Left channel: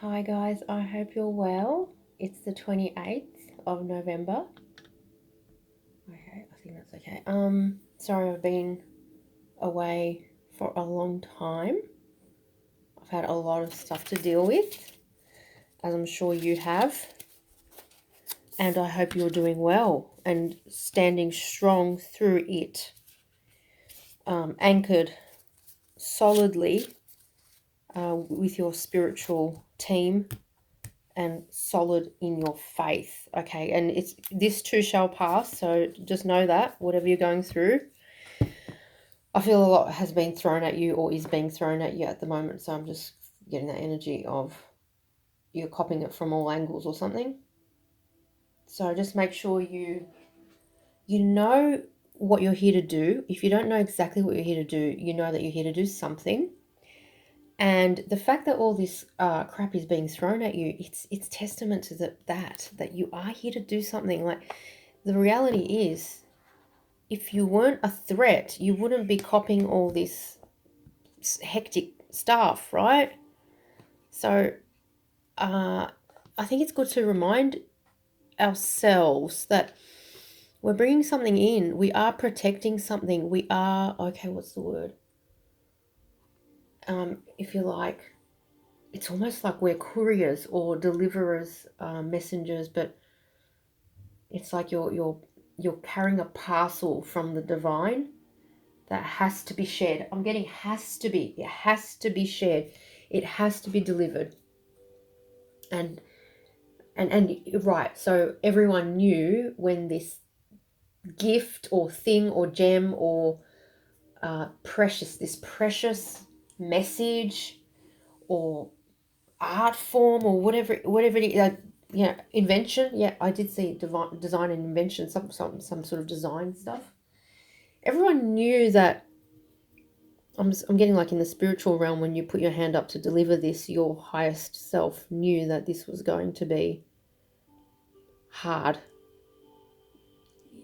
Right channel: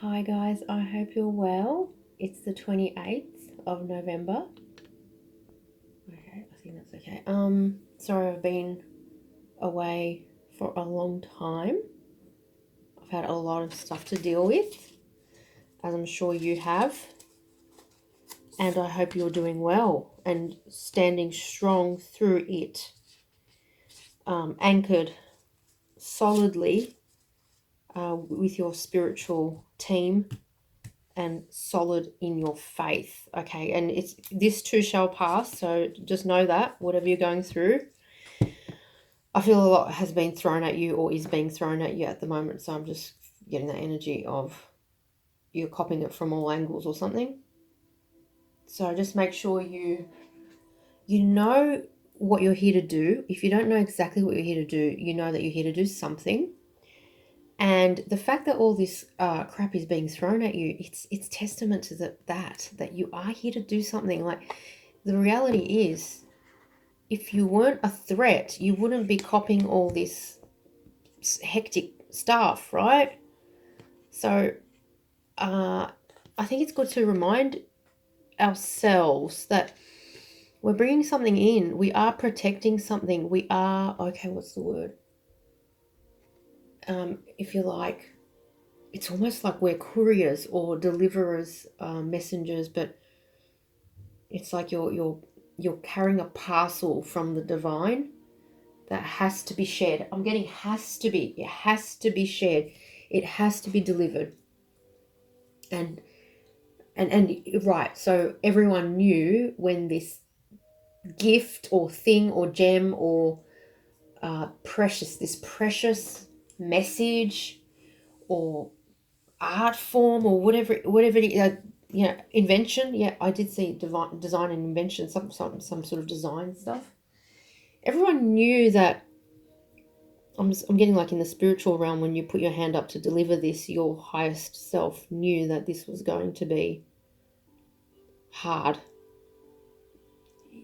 Hi guys, I hope you're well. It's the 28th of November. Okay, I think that's okay. Sorry I've been away for a long time. I've had a lot of stuff to deal with, as I'm sure you have. And I hope you're doing well and standing strong through it. Anchored solidly with your spiritual team and solid in your faith. Okay, and this too shall pass, so just know that whatever you're going through, I feel a lot has been thrown at you or is being thrown at you at the moment, so I'm just getting that energy of you're copying it from all angles or something. So just make sure you know what you're here to do. If you don't know exactly what you're here to do, you know that you're here to do something. And the fact that all this crap is being thrown at you, it's testament to that you are here to do something. Like, the reality is, if you weren't a threat, you wouldn't be copying all this hectic stuff, right? So I think it's good to remind ourselves that we're bringing something in. We are protecting something. We are, okay, what's the word? If you like, it's almost like we're couriers or deliverers, messengers, but it's like you're carrying a parcel from the divine that has to be shared. I'm getting has to be. It has to be shared. It has to be delivered. And right. So everyone knew when this gift or thing or gem or this precious message or art form or whatever it is, invention. Yeah, I did see design and invention, some sort of design stuff. Everyone knew that. I'm getting like in the spiritual realm, when you put your hand up to deliver this, your highest self knew that this was going to be hard.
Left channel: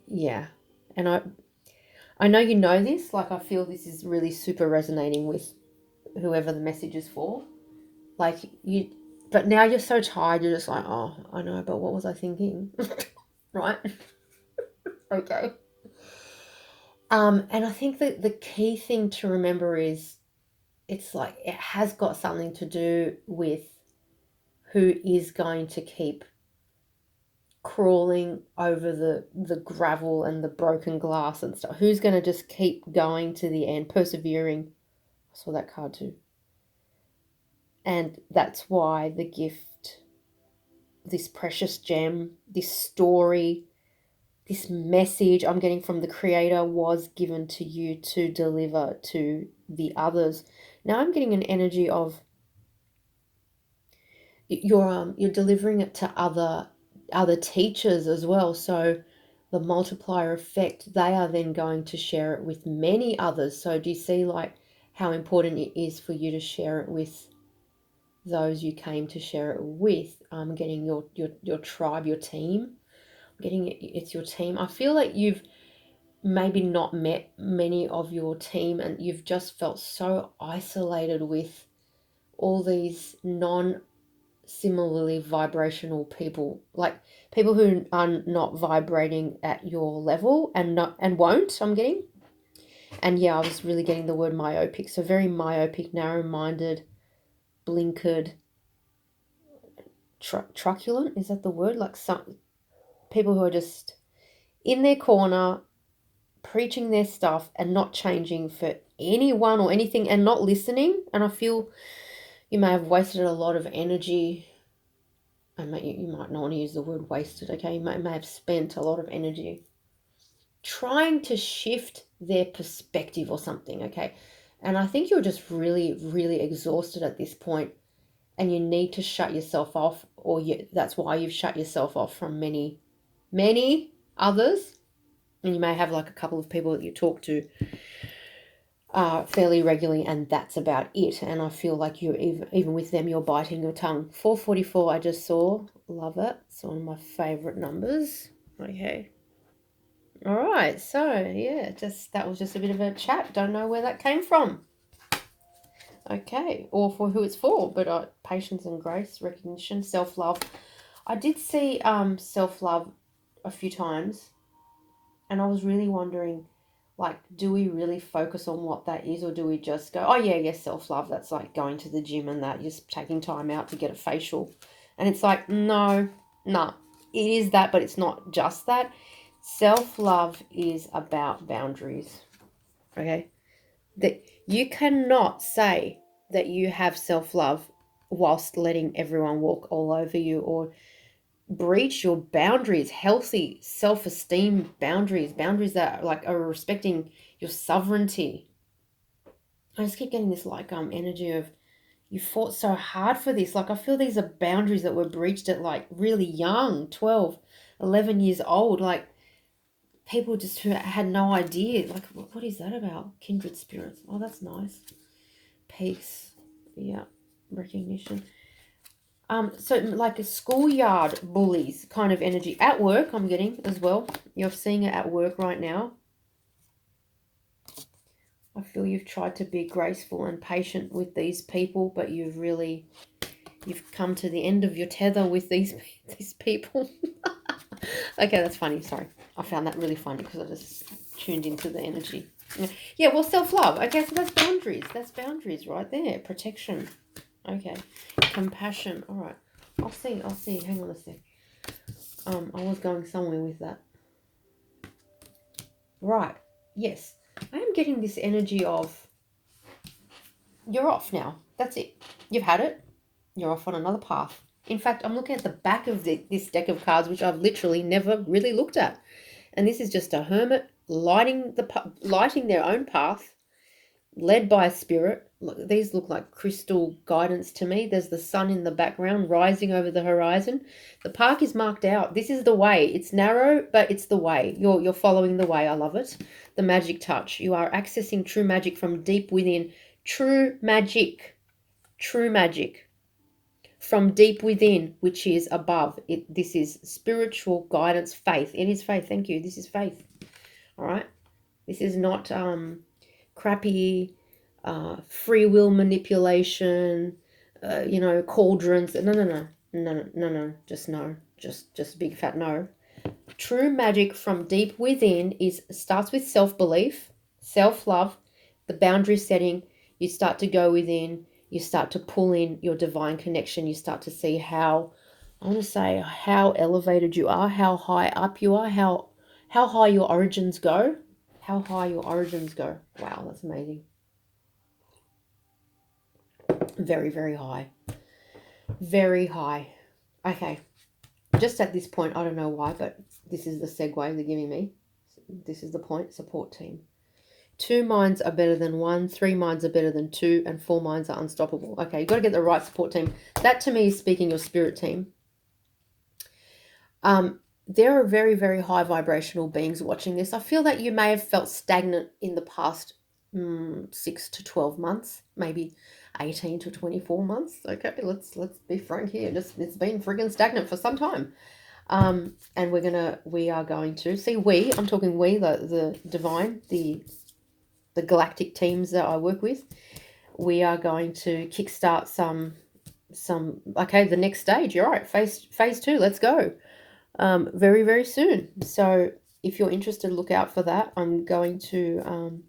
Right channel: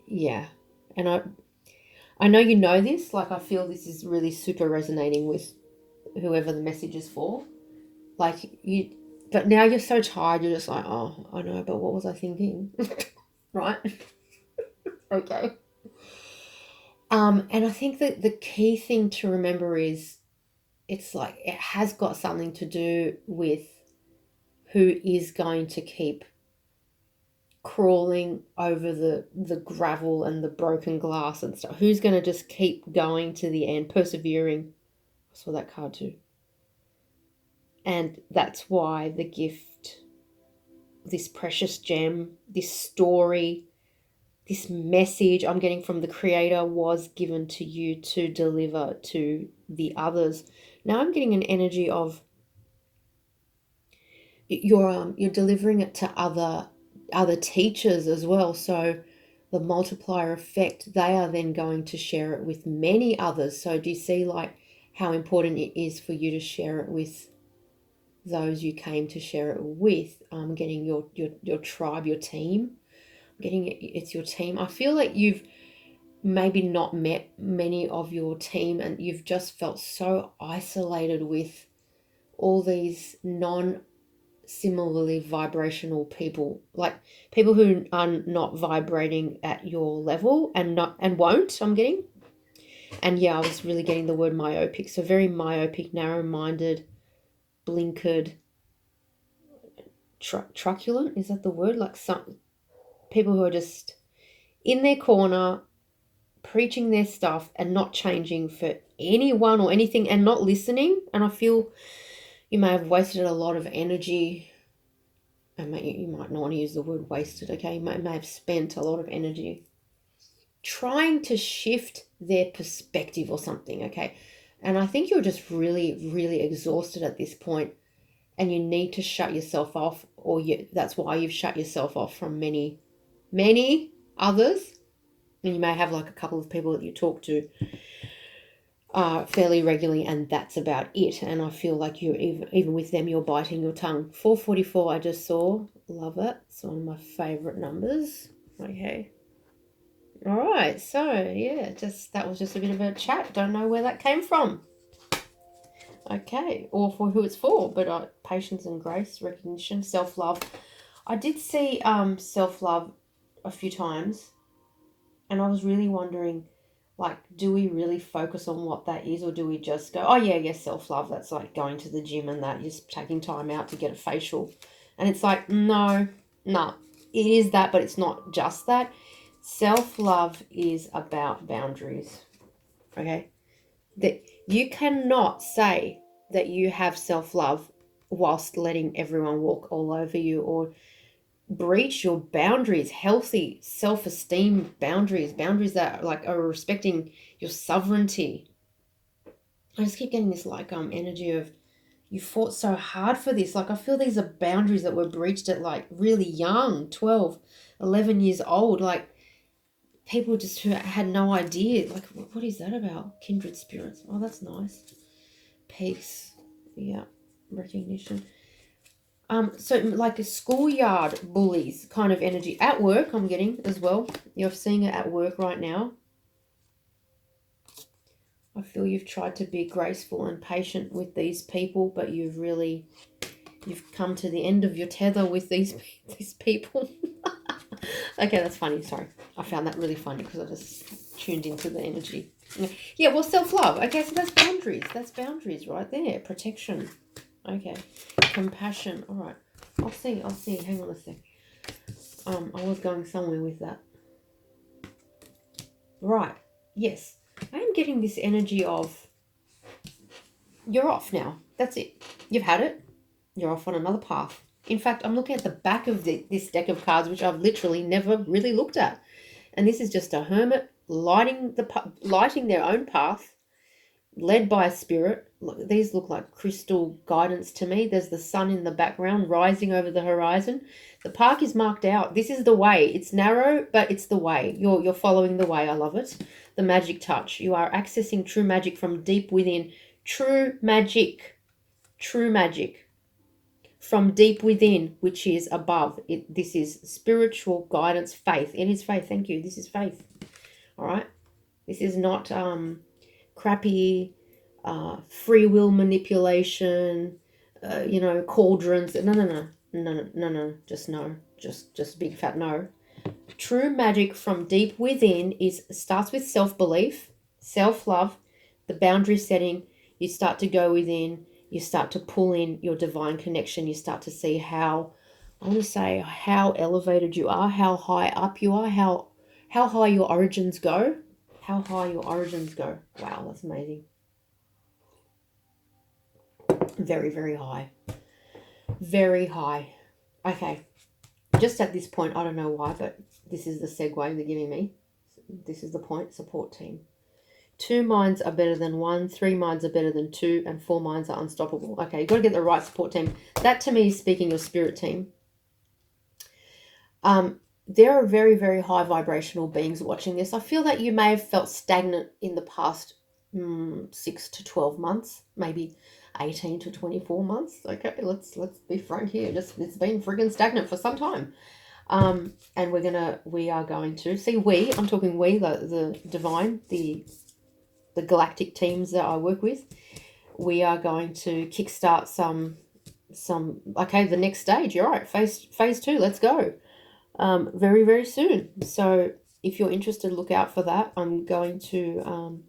Yeah. And I know you know this, like I feel this is really super resonating with whoever the message is for. Like but now you're so tired, you're just like, oh, I know, but what was I thinking? Right? Okay. And I think that the key thing to remember is, it's like it has got something to do with who is going to keep crawling over the gravel and the broken glass and stuff. Who's going to just keep going to the end, persevering? I saw that card too. And that's why the gift, this precious gem, this story, this message I'm getting from the creator was given to you to deliver to the others. Now I'm getting an energy of you're delivering it to other teachers as well. So the multiplier effect, they are then going to share it with many others. So do you see like how important it is for you to share it with those you came to share it with? Getting your tribe, your team. Getting it's your team. I feel like you've maybe not met many of your team and you've just felt so isolated with all these similarly vibrational people, like people who are not vibrating at your level and won't, I'm getting. And yeah, I was really getting the word myopic, so very myopic, narrow-minded, blinkered, truculent, is that the word? Like some people who are just in their corner preaching their stuff and not changing for anyone or anything and not listening. And I feel you may have wasted a lot of energy. You might not want to use the word wasted, okay? You may have spent a lot of energy trying to shift their perspective or something, okay? And I think you're just really, really exhausted at this point, and you need to shut yourself off, or that's why you've shut yourself off from many, many others. And you may have like a couple of people that you talk to fairly regularly, and that's about it. And I feel like you're even with them, you're biting your tongue. 444 I just saw. Love it. It's one of my favorite numbers. Okay. All right. So yeah, that was just a bit of a chat. Don't know where that came from. Okay, or for who it's for, but patience and grace, recognition, self-love. I did see self-love a few times, and I was really wondering, like, do we really focus on what that is, or do we just go, oh yeah, yes, self-love, that's like going to the gym and that, just taking time out to get a facial. And it's like, no, it is that, but it's not just that. Self-love is about boundaries. Okay, that you cannot say that you have self-love whilst letting everyone walk all over you, or breach your boundaries, healthy self-esteem boundaries that like are respecting your sovereignty. I just keep getting this like energy of, you fought so hard for this. Like, I feel these are boundaries that were breached at like really young, 12, 11 years old. Like, people just who had no idea. Like, what is that about? Kindred spirits. Oh, that's nice. Peace. Yeah. Recognition. So like a schoolyard bullies kind of energy. At work, I'm getting as well. You're seeing it at work right now. I feel you've tried to be graceful and patient with these people, but you've come to the end of your tether with these people. Okay, that's funny. Sorry. I found that really funny because I just tuned into the energy. Yeah, well, self-love. Okay, so that's boundaries. That's boundaries right there. Protection. Okay. Compassion. All right. I'll see. Hang on a sec. I was going somewhere with that. Right. Yes. I am getting this energy of, you're off now. That's it. You've had it. You're off on another path. In fact, I'm looking at the back of this deck of cards, which I've literally never really looked at. And this is just a hermit lighting their own path, led by a spirit. Look, these look like crystal guidance to me. There's the sun in the background rising over the horizon. The park is marked out. This is the way. It's narrow, but it's the way. You're following the way. I love it. The magic touch. You are accessing true magic from deep within. True magic from deep within, which is above. This is spiritual guidance, faith. It is faith. Thank you. This is faith. All right. This is not crappy free will manipulation, cauldrons. No. Just big fat no. True magic from deep within starts with self-belief, self-love, the boundary setting. You start to go within, you start to pull in your divine connection. You start to see how elevated you are, how high up you are, how high your origins go. How high your origins go. Wow, that's amazing. Very, very high. Very high. Okay. Just at this point, I don't know why, but this is the segue they're giving me. This is the point. Support team. 2 minds are better than 1. 3 minds are better than 2. And 4 minds are unstoppable. Okay, you've got to get the right support team. That to me is speaking your spirit team. There are very, very high vibrational beings watching this. I feel that you may have felt stagnant in the past 6 to 12 months, maybe 18 to 24 months. Okay, let's be frank here. It's been friggin' stagnant for some time. And we are going to see, I'm talking the divine, the galactic teams that I work with. We are going to kickstart some the next stage. You're right, phase 2. Let's go. Very, very soon. So if you're interested, look out for that. I'm going to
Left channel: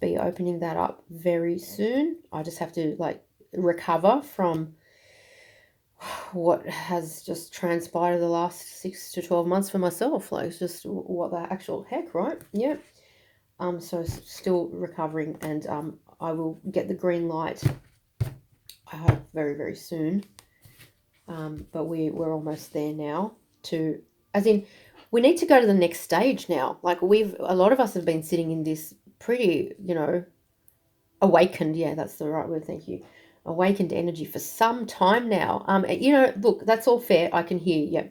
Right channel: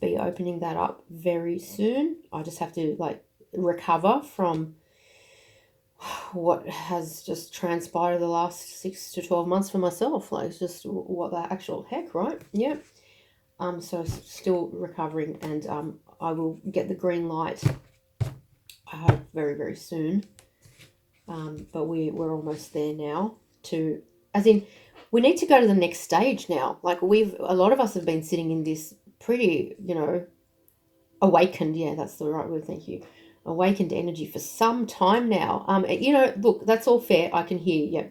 be opening that up very soon. I just have to recover from what has just transpired the last 6 to 12 months for myself. It's just what the actual heck, right? Yeah. So still recovering, and I will get the green light, I hope, very, very soon. But we're almost there now. We need to go to the next stage now. A lot of us have been sitting in this pretty, awakened. Yeah, that's the right word. Thank you. Awakened energy for some time now. Look, that's all fair. I can hear. Yeah,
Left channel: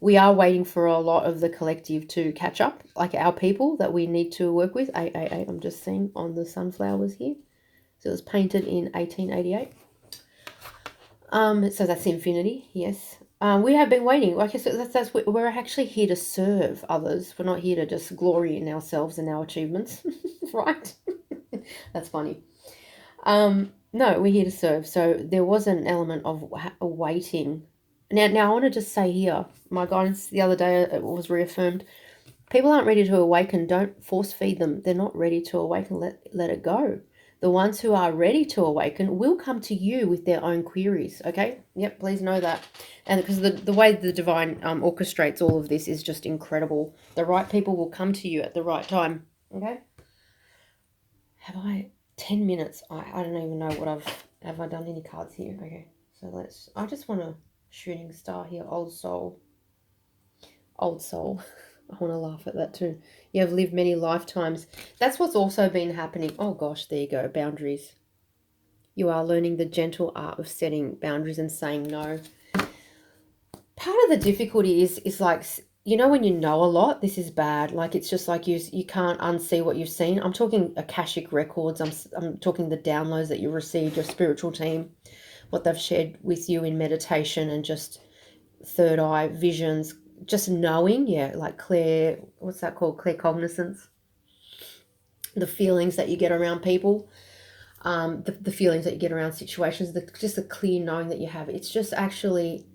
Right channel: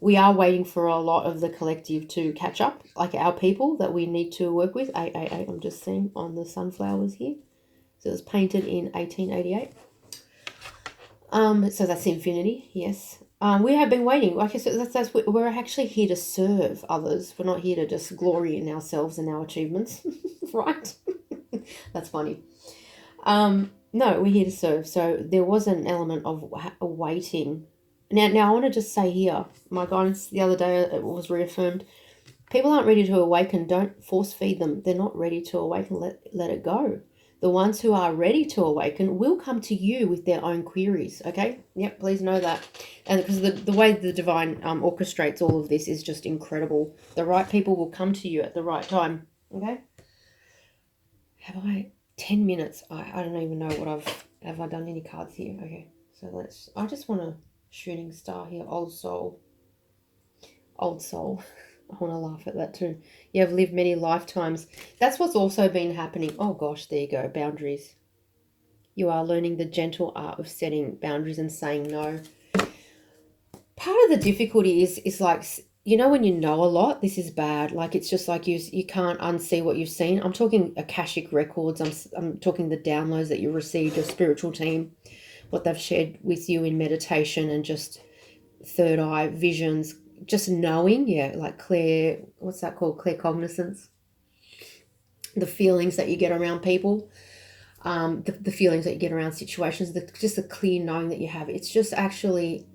we are waiting for a lot of the collective to catch up, like our people that we need to work with. I'm just seeing on the sunflowers here. So it was painted in 1888. So that's infinity. Yes. We have been waiting. Okay, so we're actually here to serve others. We're not here to just glory in ourselves and our achievements, right? That's funny. No, we're here to serve. So there was an element of waiting. Now I want to just say here, my guidance the other day, it was reaffirmed. People aren't ready to awaken. Don't force feed them. They're not ready to awaken. Let it go. The ones who are ready to awaken will come to you with their own queries. Okay. Yep. Please know that. And because the way the divine orchestrates all of this is just incredible. The right people will come to you at the right time. Okay. Have I 10 minutes? I don't even know what have I done any cards here? Okay. So I just want a shooting star here. Old soul. Old soul. I want to laugh at that too. You have lived many lifetimes. That's what's also been happening. Oh gosh, there you go. Boundaries. You are learning the gentle art of setting boundaries and saying no. Part of the difficulty is like, you know, when you know a lot, this is bad. Like, it's just like you can't unsee what you've seen. I'm talking Akashic records. I'm talking the downloads that you received, your spiritual team, what they've shared with you in meditation, and just third eye visions, just knowing, yeah, like clear, what's that called? Clear cognizance. The feelings that you get around people, the feelings that you get around situations, just the clear knowing that you have. It's just actually,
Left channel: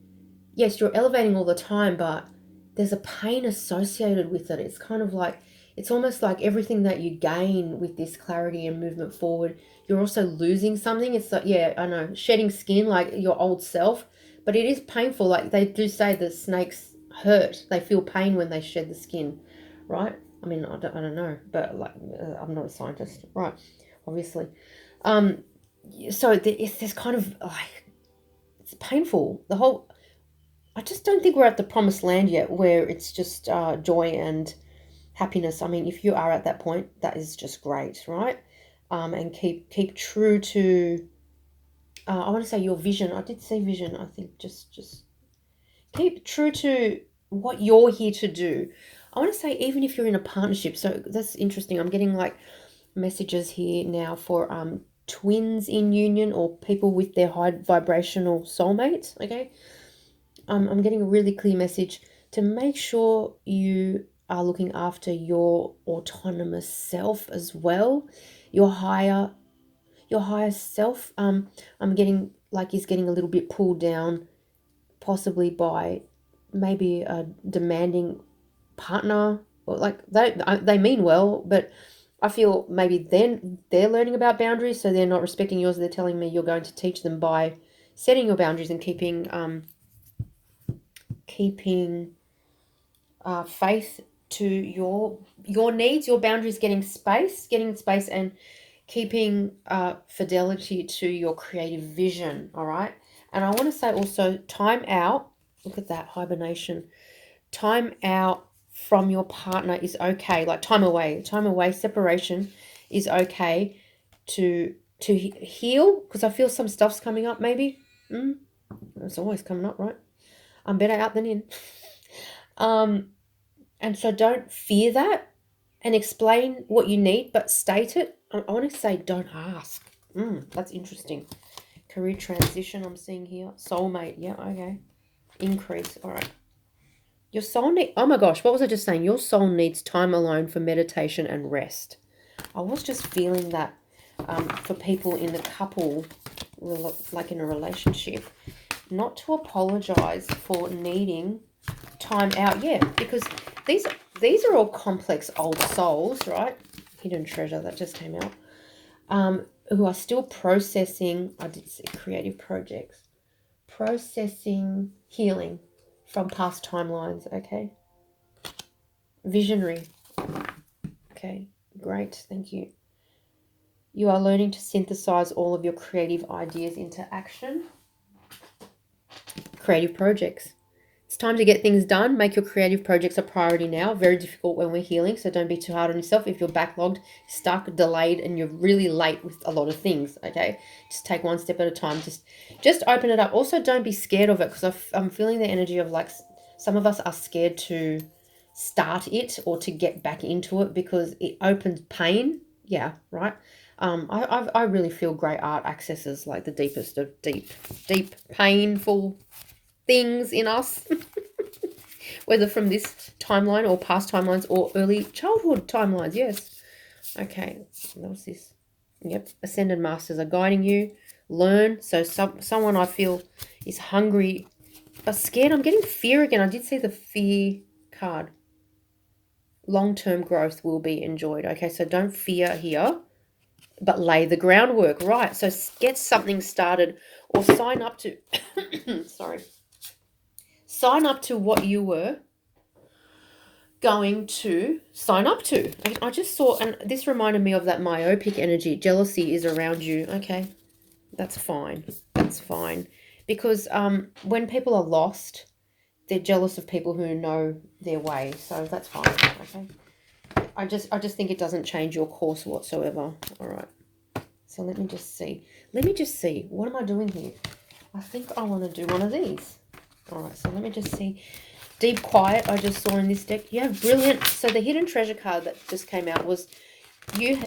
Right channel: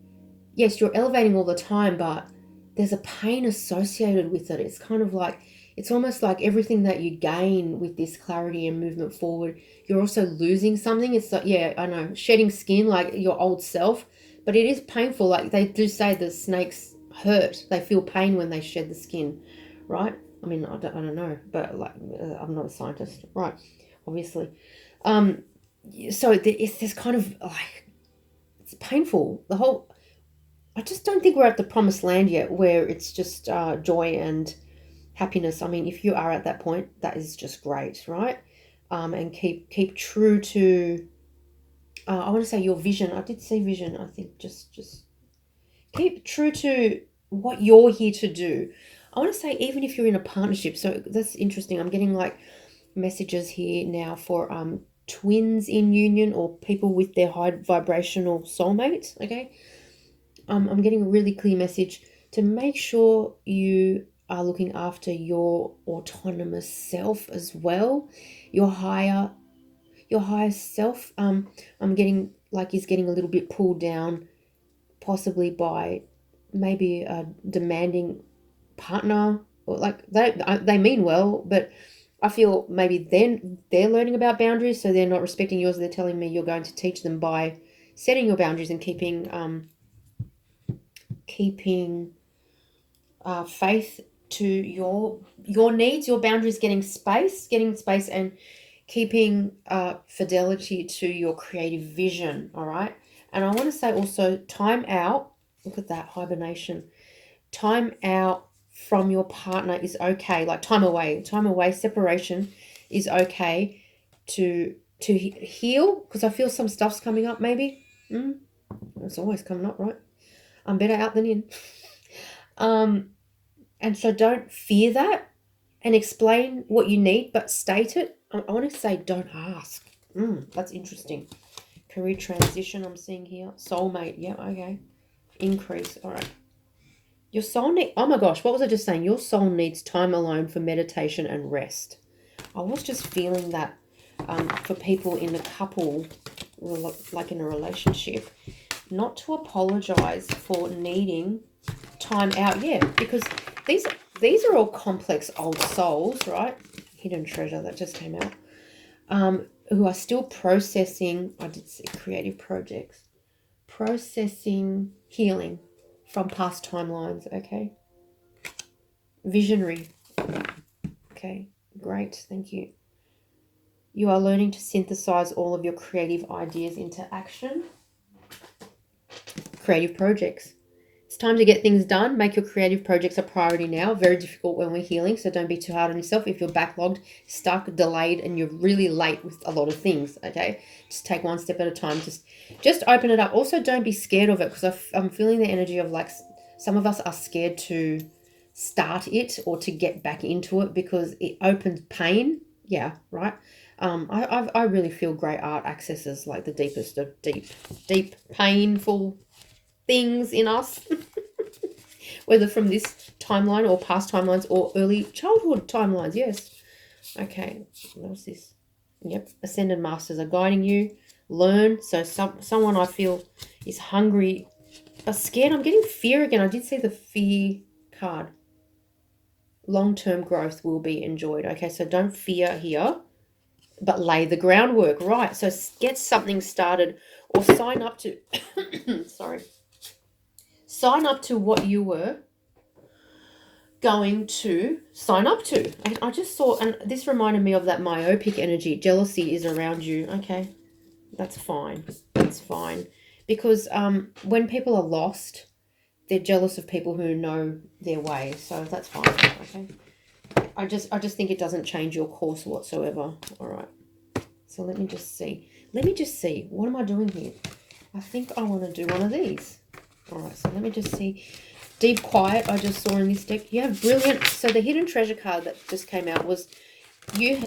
yes, you're elevating all the time, but there's a pain associated with it. It's kind of like, it's almost like everything that you gain with this clarity and movement forward, you're also losing something. It's like, yeah, I know, shedding skin, like your old self, but it is painful. Like they do say the snakes hurt. They feel pain when they shed the skin, right? I mean, I don't know, but like, I'm not a scientist, right? Obviously. Um, so it's this kind of like, it's painful. I just don't think we're at the promised land yet where it's just joy and happiness. I mean, if you are at that point, that is just great, right? And keep true to, I want to say your vision. I did say vision. I think just keep true to what you're here to do. I want to say even if you're in a partnership. So that's interesting. I'm getting like messages here now for twins in union or people with their high vibrational soulmates. Okay. I'm getting a really clear message to make sure you are looking after your autonomous self as well, your higher self. I'm getting like is getting a little bit pulled down, possibly by maybe a demanding partner, or like they mean well, but I feel maybe then they're learning about boundaries, so they're not respecting yours. They're telling me you're going to teach them by setting your boundaries and keeping faith to your needs, your boundaries, getting space, and keeping fidelity to your creative vision. All right. And I want to say also, time out. Look at that hibernation. Time out from your partner is okay. Like time away, separation is okay to heal, because I feel some stuff's coming up. Maybe it's always coming up, right? I'm better out than in. And so don't fear that, and explain what you need, but state it. I want to say don't ask. That's interesting. Career transition I'm seeing here. Soulmate. Yeah, okay. Increase. All right. Your soul need. Oh my gosh, what was I just saying? Your soul needs time alone for meditation and rest. I was just feeling that for people in a couple, like in a relationship, not to apologize for needing time out. Yeah, because these are all complex old souls, right? Hidden treasure that just came out. Who are still processing. I did see creative projects, processing healing from past timelines. Okay, visionary. Okay, great, thank you. You are learning to synthesize all of your creative ideas into action. Creative projects. It's time to get things done. Make your creative projects a priority now. Very difficult when we're healing, so don't be too hard on yourself. If you're backlogged, stuck, delayed, and you're really late with a lot of things, okay? Just take one step at a time. Just open it up. Also, don't be scared of it, because I'm feeling the energy of like some of us are scared to start it or to get back into it because it opens pain. Yeah, right. I really feel great art accesses like the deepest of deep, painful things in us, whether from this timeline or past timelines or early childhood timelines. Yes. Okay. What was this? Yep. Ascended masters are guiding you. learn. So someone I feel is hungry, scared. I'm getting fear again. I did see the fear card. Long-term growth will be enjoyed. Okay, so don't fear here, but lay the groundwork. Right, so get something started or sign up to, sorry, sign up to what you were going to sign up to. And I just saw, and this reminded me of that myopic energy. Jealousy is around you. Okay, that's fine. That's fine. Because when people are lost, they're jealous of people who know their way. So that's fine. Okay. I just think it doesn't change your course whatsoever. All right. So let me just see. What am I doing here? I think I want to do one of these. All right. So let me just see. Deep Quiet, I just saw in this deck. You have brilliant. So the hidden treasure card that just came out was,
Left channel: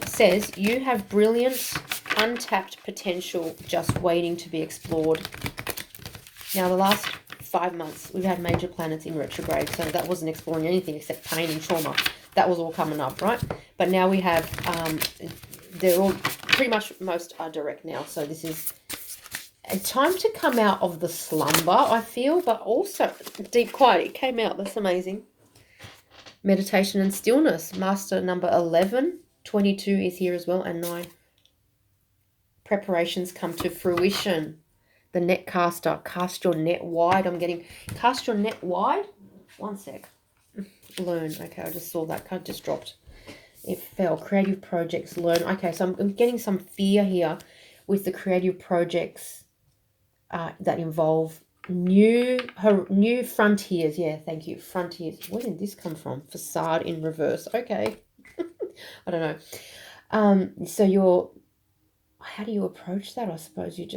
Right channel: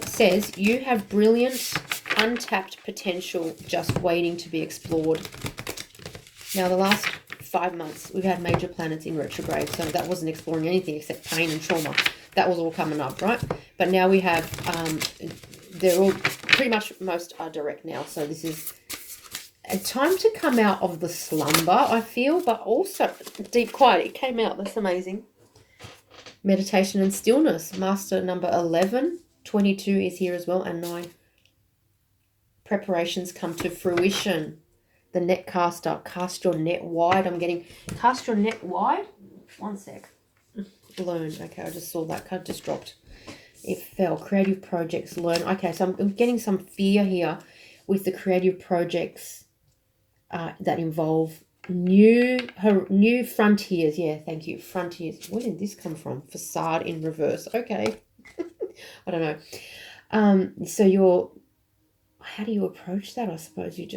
says you have brilliant, untapped potential just waiting to be explored. Now, the last 5 months, we've had major planets in retrograde, so that wasn't exploring anything except pain and trauma. That was all coming up, right? But now we have, they're all, pretty much most are direct now, so this is a time to come out of the slumber, I feel, but also Deep Quiet. It came out. That's amazing. Meditation and stillness. Master number 11. 22 is here as well, and 9. Preparations come to fruition. The net caster. Cast your net wide. I'm getting cast your net wide. One sec. Learn. Okay, I just saw that card just dropped. It fell. Creative projects. Learn. Okay, so I'm getting some fear here with the creative projects that involve new frontiers. Yeah, thank you. Frontiers. Where did this come from? Facade in reverse. Okay. I don't know. So how do you approach that? I suppose you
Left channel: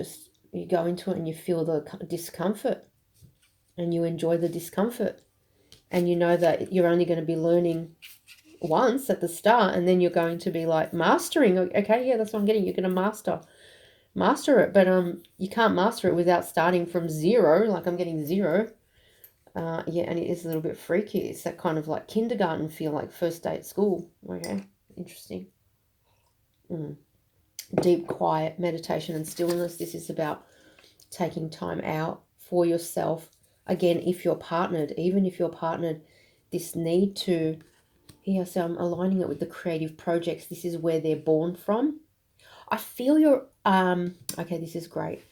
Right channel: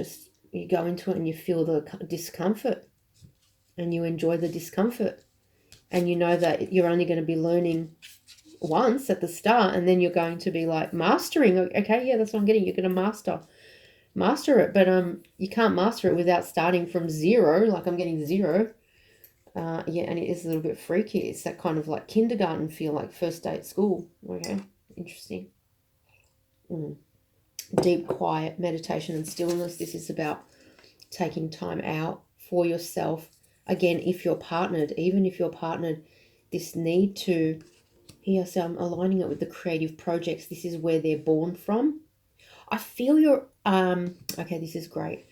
go into it and you feel the discomfort and you enjoy the discomfort, and you know that you're only going to be learning once at the start, and then you're going to be like mastering. Okay, yeah, that's what I'm getting. You're going to master it, but you can't master it without starting from zero. Like I'm getting 0. Yeah, and it is a little bit freaky. It's that kind of like kindergarten feel, like first day at school. Okay, interesting. Deep Quiet, meditation and stillness. This is about taking time out for yourself. Again, if you're partnered, even if you're partnered, this need to, here, so I'm aligning it with the creative projects. This is where they're born from. I feel you're, okay, this is great.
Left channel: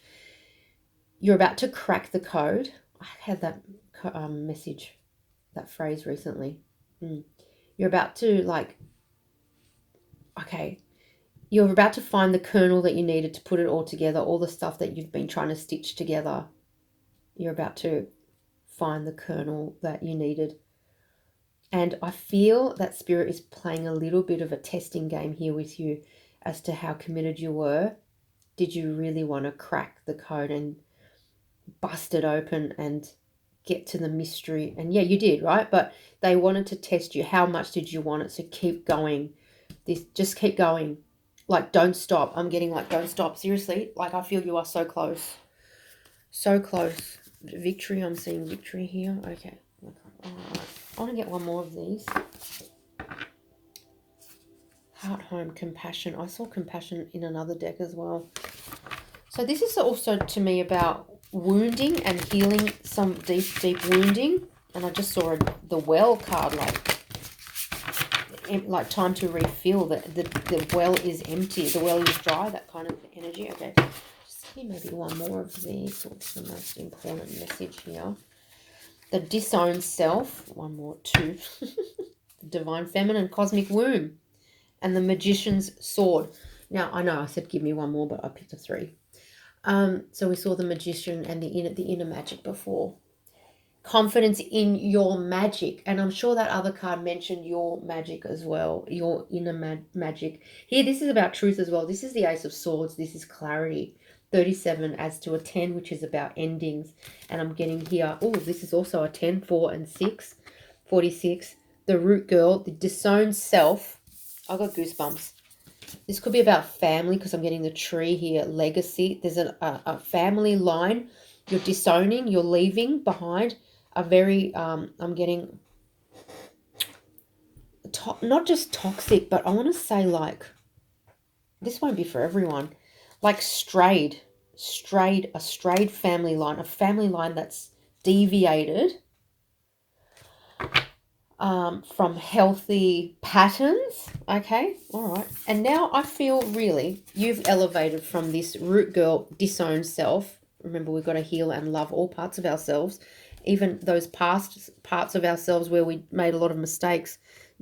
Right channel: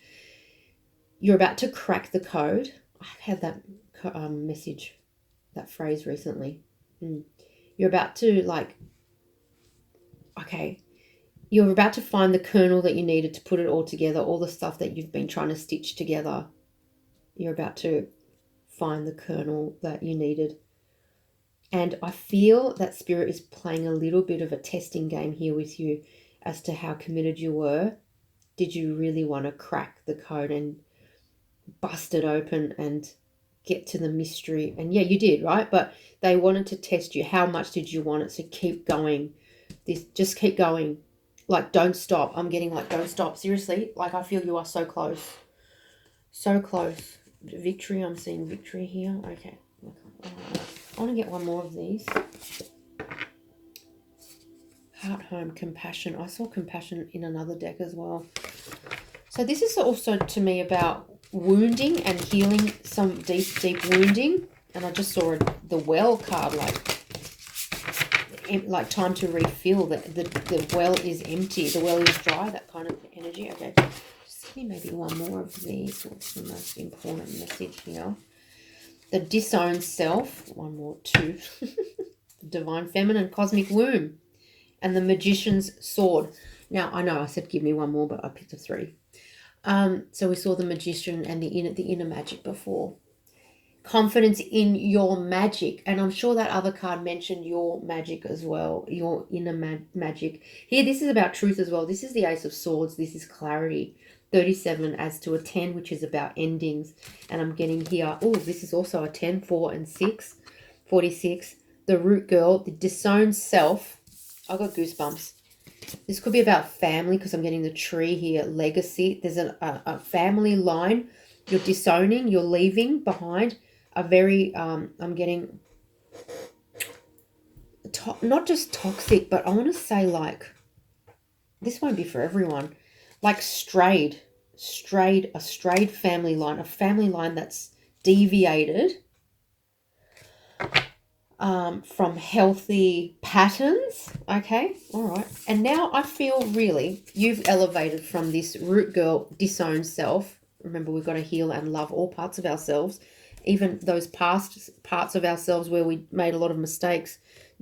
You're about to crack the code. I had that message, that phrase recently. You're about to you're about to find the kernel that you needed to put it all together, all the stuff that you've been trying to stitch together. You're about to find the kernel that you needed. And I feel that Spirit is playing a little bit of a testing game here with you as to how committed you were. Did you really want to crack the code and bust it open and get to the mystery? And yeah, you did, right? But they wanted to test you. How much did you want it? So keep going. Just keep going. Like, don't stop. I'm getting like, don't stop. Seriously, like I feel you are so close. So close. Victory. I'm seeing victory here. Okay. I want to get one more of these. Heart, home, compassion. I saw compassion in another deck as well. So this is also to me about wounding and healing some deep wounding. And I just saw the well card, like time to refill. The well is empty. The well is dry. That kind of energy. Okay. Just give me maybe one more of these. What's the most important message here? The disowned self. One more, 2. Divine feminine, cosmic womb. And the magician's sword. Now, I know I said give me one more, but I picked a 3. So we saw the magician and the inner magic before. Confidence in your magic. And I'm sure that other card mentioned your magic as well. Your inner magic. Here, this is about truth as well. This is the Ace of Swords. This is clarity. 37 adds to a 10, which is about endings. And I'm getting here, oh, this is also a 10, 4 and 6. 46. The root girl, the disowned self. I've got goosebumps. This could be about family because I'm getting the tree here. Legacy. There's a family line. You're disowning. You're leaving behind a very, I'm getting not just toxic, but I want to say like, this won't be for everyone. Like strayed a strayed family line, a family line that's deviated from healthy patterns. Okay, all right. And now I feel really you've elevated from this root girl disowned self. Remember, we've got to heal and love all parts of ourselves, even those past parts of ourselves where we made a lot of mistakes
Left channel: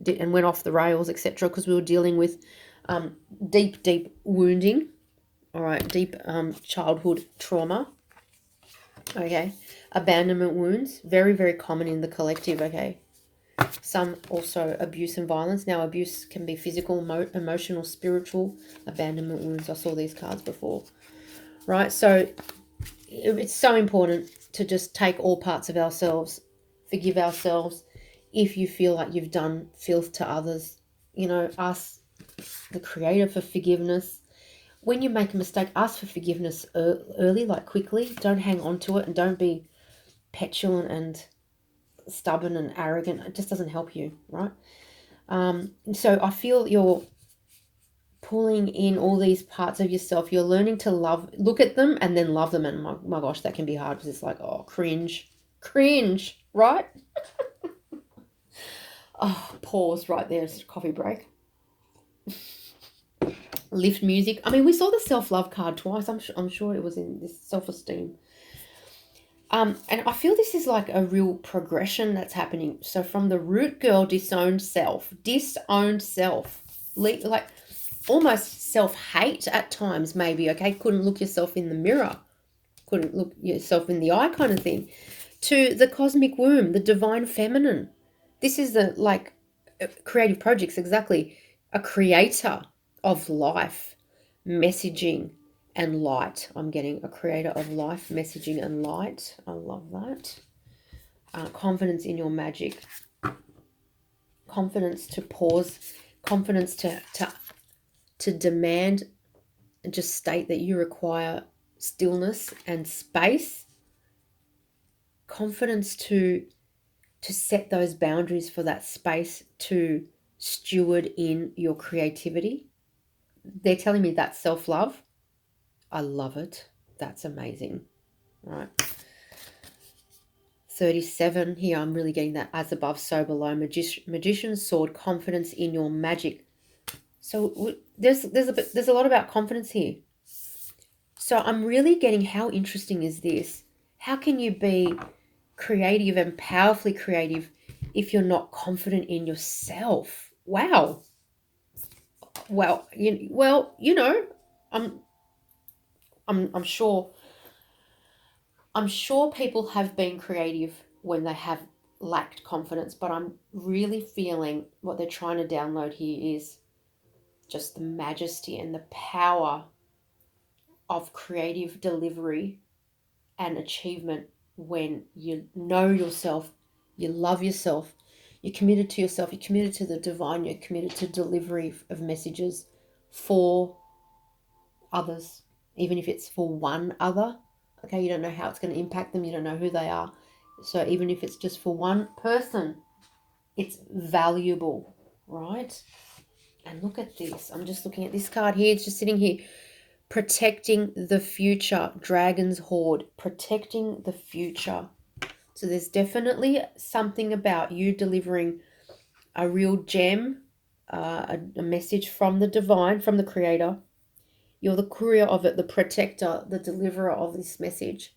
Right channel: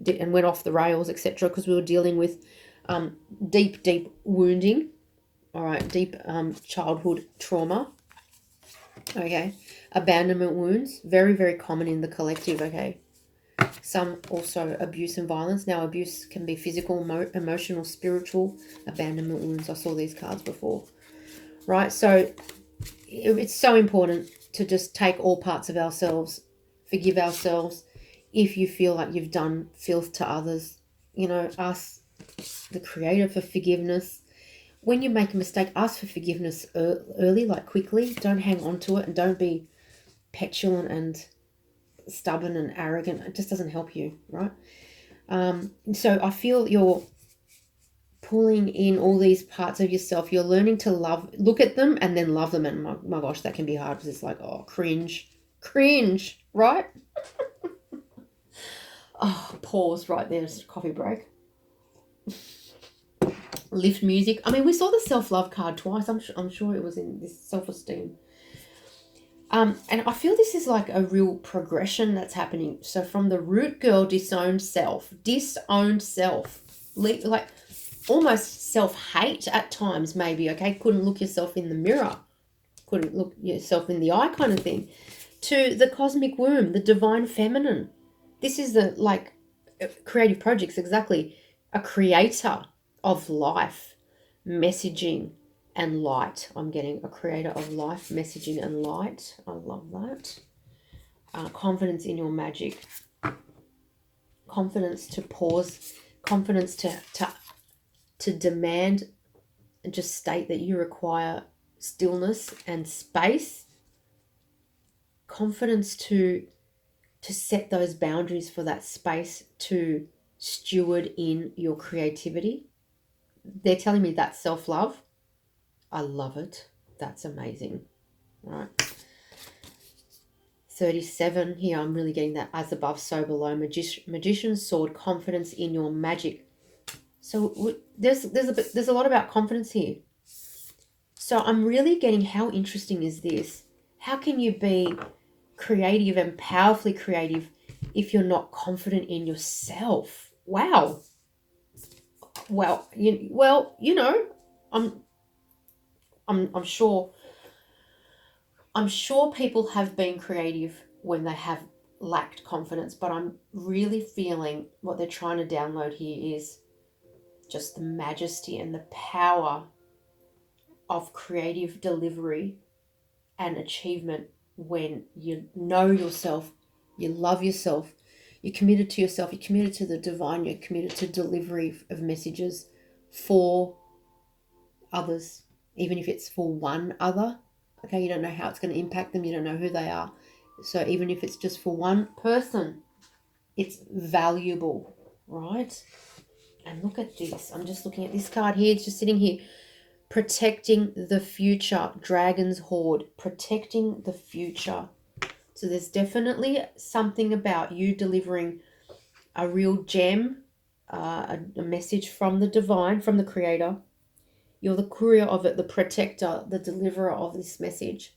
and went off the rails, etc., because we were dealing with deep wounding. All right, deep childhood trauma. Okay, abandonment wounds, very common in the collective. Okay, some also abuse and violence. Now, abuse can be physical, emotional, spiritual. Abandonment wounds. I saw these cards before. Right, so it's so important to just take all parts of ourselves, forgive ourselves. If you feel like you've done filth to others, you know, ask the Creator for forgiveness. When you make a mistake, ask for forgiveness early, like quickly. Don't hang on to it, and don't be petulant and stubborn and arrogant. It just doesn't help you, right? So I feel you're pulling in all these parts of yourself. You're learning to look at them and then love them. And my gosh, that can be hard because it's like, oh, cringe, right? Oh, pause right there. It's a coffee break. Lift music. I mean, we saw the self-love card twice. I'm sure it was in this self-esteem. And I feel this is like a real progression that's happening. So from the root girl disowned self, like almost self-hate at times maybe, okay? Couldn't look yourself in the mirror. Couldn't look yourself in the eye kind of thing. To the cosmic womb, the divine feminine. This is the, like, creative projects, exactly. A creator of life, messaging, and light. I'm getting a creator of life, messaging, and light. I love that. Confidence in your magic. Confidence to pause. Confidence to demand and just state that you require stillness and space. Confidence to set those boundaries for that space to steward in your creativity. They're telling me that's self-love. I love it. That's amazing. All right. 37 here. I'm really getting that as above, so below. Magician's sword. Confidence in your magic. So there's a lot about confidence here. So I'm really getting, how interesting is this? How can you be creative and powerfully creative if you're not confident in yourself? Wow. Well, you know, I'm sure people have been creative when they have lacked confidence, but I'm really feeling what they're trying to download here is just the majesty and the power of creative delivery and achievement when you know yourself, you love yourself, you're committed to yourself, you're committed to the divine, you're committed to delivery of messages for others, even if it's for one other. Okay, you don't know how it's going to impact them, you don't know who they are. So even if it's just for one person, it's valuable, right? And look at this. I'm just looking at this card here. It's just sitting here. Protecting the future. Dragon's Hoard. Protecting the future. So there's definitely something about you delivering a real gem, a message from the divine, from the creator. You're the courier of it, the protector, the deliverer of this message.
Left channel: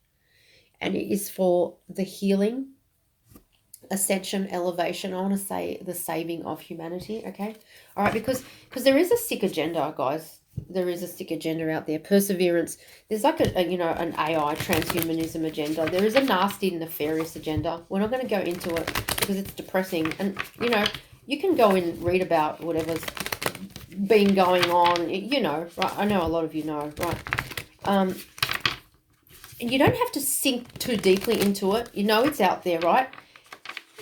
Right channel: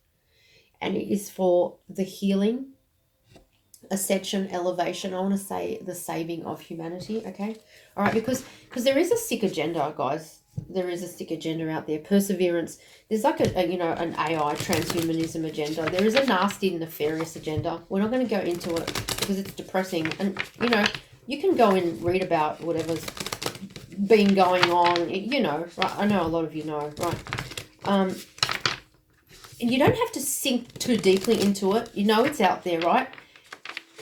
And it is for the healing, ascension, elevation. I want to say the saving of humanity, okay? All right, because there is a sick agenda, guys. There is a sick agenda out there. Perseverance. There's like an AI transhumanism agenda. There is a nasty, nefarious agenda. We're not going to go into it because it's depressing. And, you can go and read about whatever's been going on, right? I know a lot of you know, right? And you don't have to sink too deeply into it. It's out there, right?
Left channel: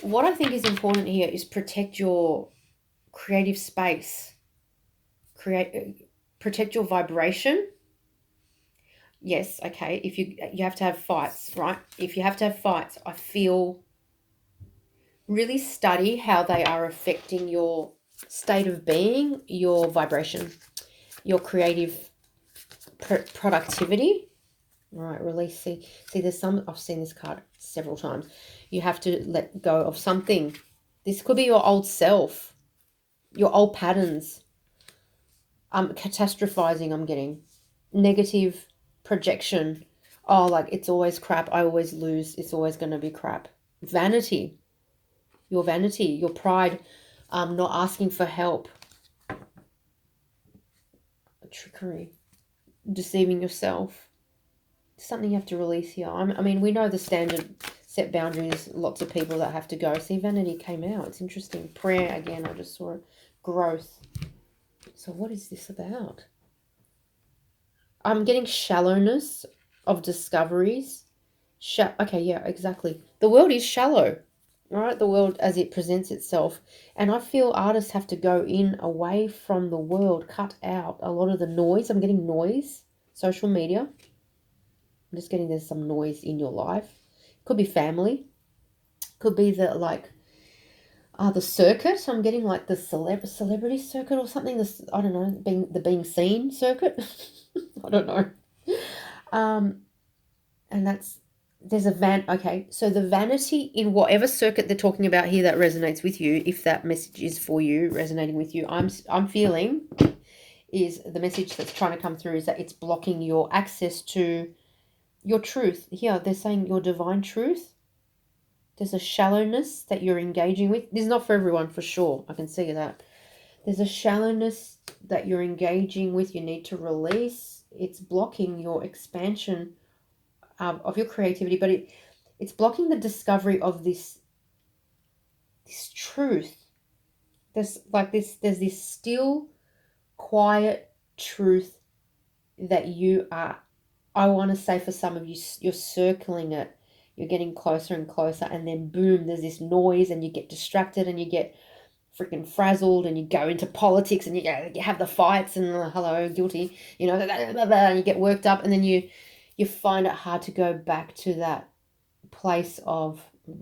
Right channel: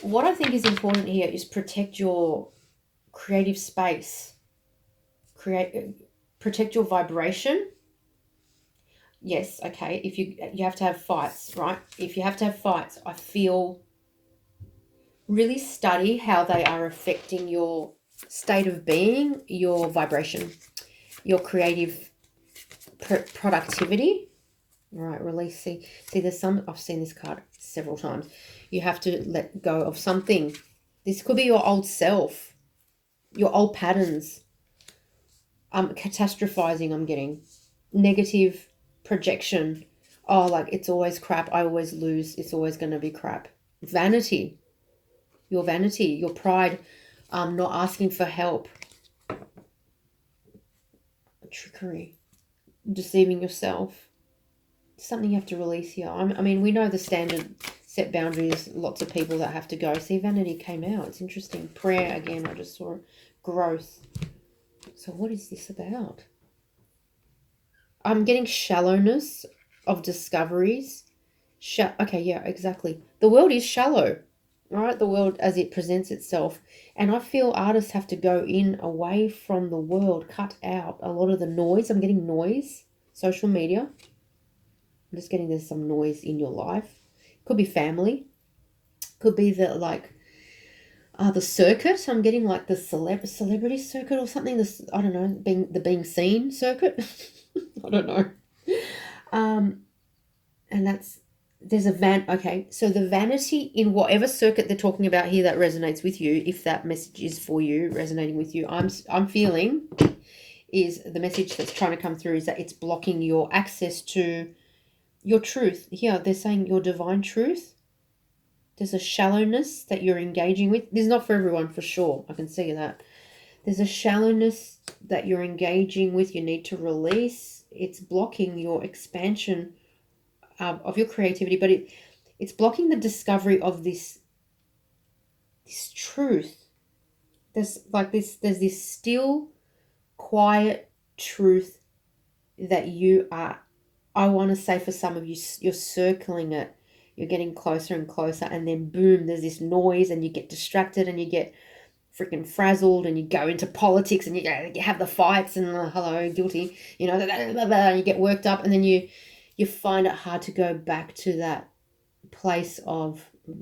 What I think is important here is protect your creative space. Protect your vibration. Yes, okay. If you have to have fights, right? If you have to have fights, I feel really study how they are affecting your state of being, your vibration, your creative productivity. All right, release. See, there's some, I've seen this card several times. You have to let go of something. This could be your old self, your old patterns. Catastrophizing, I'm getting. Negative projection. Oh, like, it's always crap. I always lose. It's always going to be crap. Vanity. Your vanity, your pride, not asking for help. Trickery. Deceiving yourself. Something you have to release here. I mean, we know the standard set boundaries, lots of people that have to go. See, vanity came out. It's interesting. Prayer, again, I just saw it. Growth. So what is this about? I'm getting shallowness of discoveries. Okay, yeah, exactly. The world is shallow, right? The world as it presents itself. And I feel artists have to go in, away from the world, cut out a lot of the noise. I'm getting noise, social media. I'm just getting there's some noise in your life. Could be family. Could be the, like, the circuit. I'm getting like the celebrity circuit or something. This, I don't know, being seen circuit. I don't know. And there's a okay, so the vanity in whatever circuit they're talking about here that resonates with you, if that message is for you, resonating with you, I'm feeling is the message that's trying to come through is that it's blocking your access to your truth. Here, they're saying your divine truth. There's a shallowness that you're engaging with. This is not for everyone, for sure. I can see that. There's a shallowness that you're engaging with. You need to release. It's blocking your expansion of your creativity, but it's blocking the discovery of this truth. There's this still, quiet truth that you are. I want to say for some of you, you're circling it. You're getting closer and closer, and then boom, there's this noise, and you get distracted, and you get freaking frazzled, and you go into politics, and you have the fights, and hello, guilty, and you get worked up, and then you find it hard to go back to that place of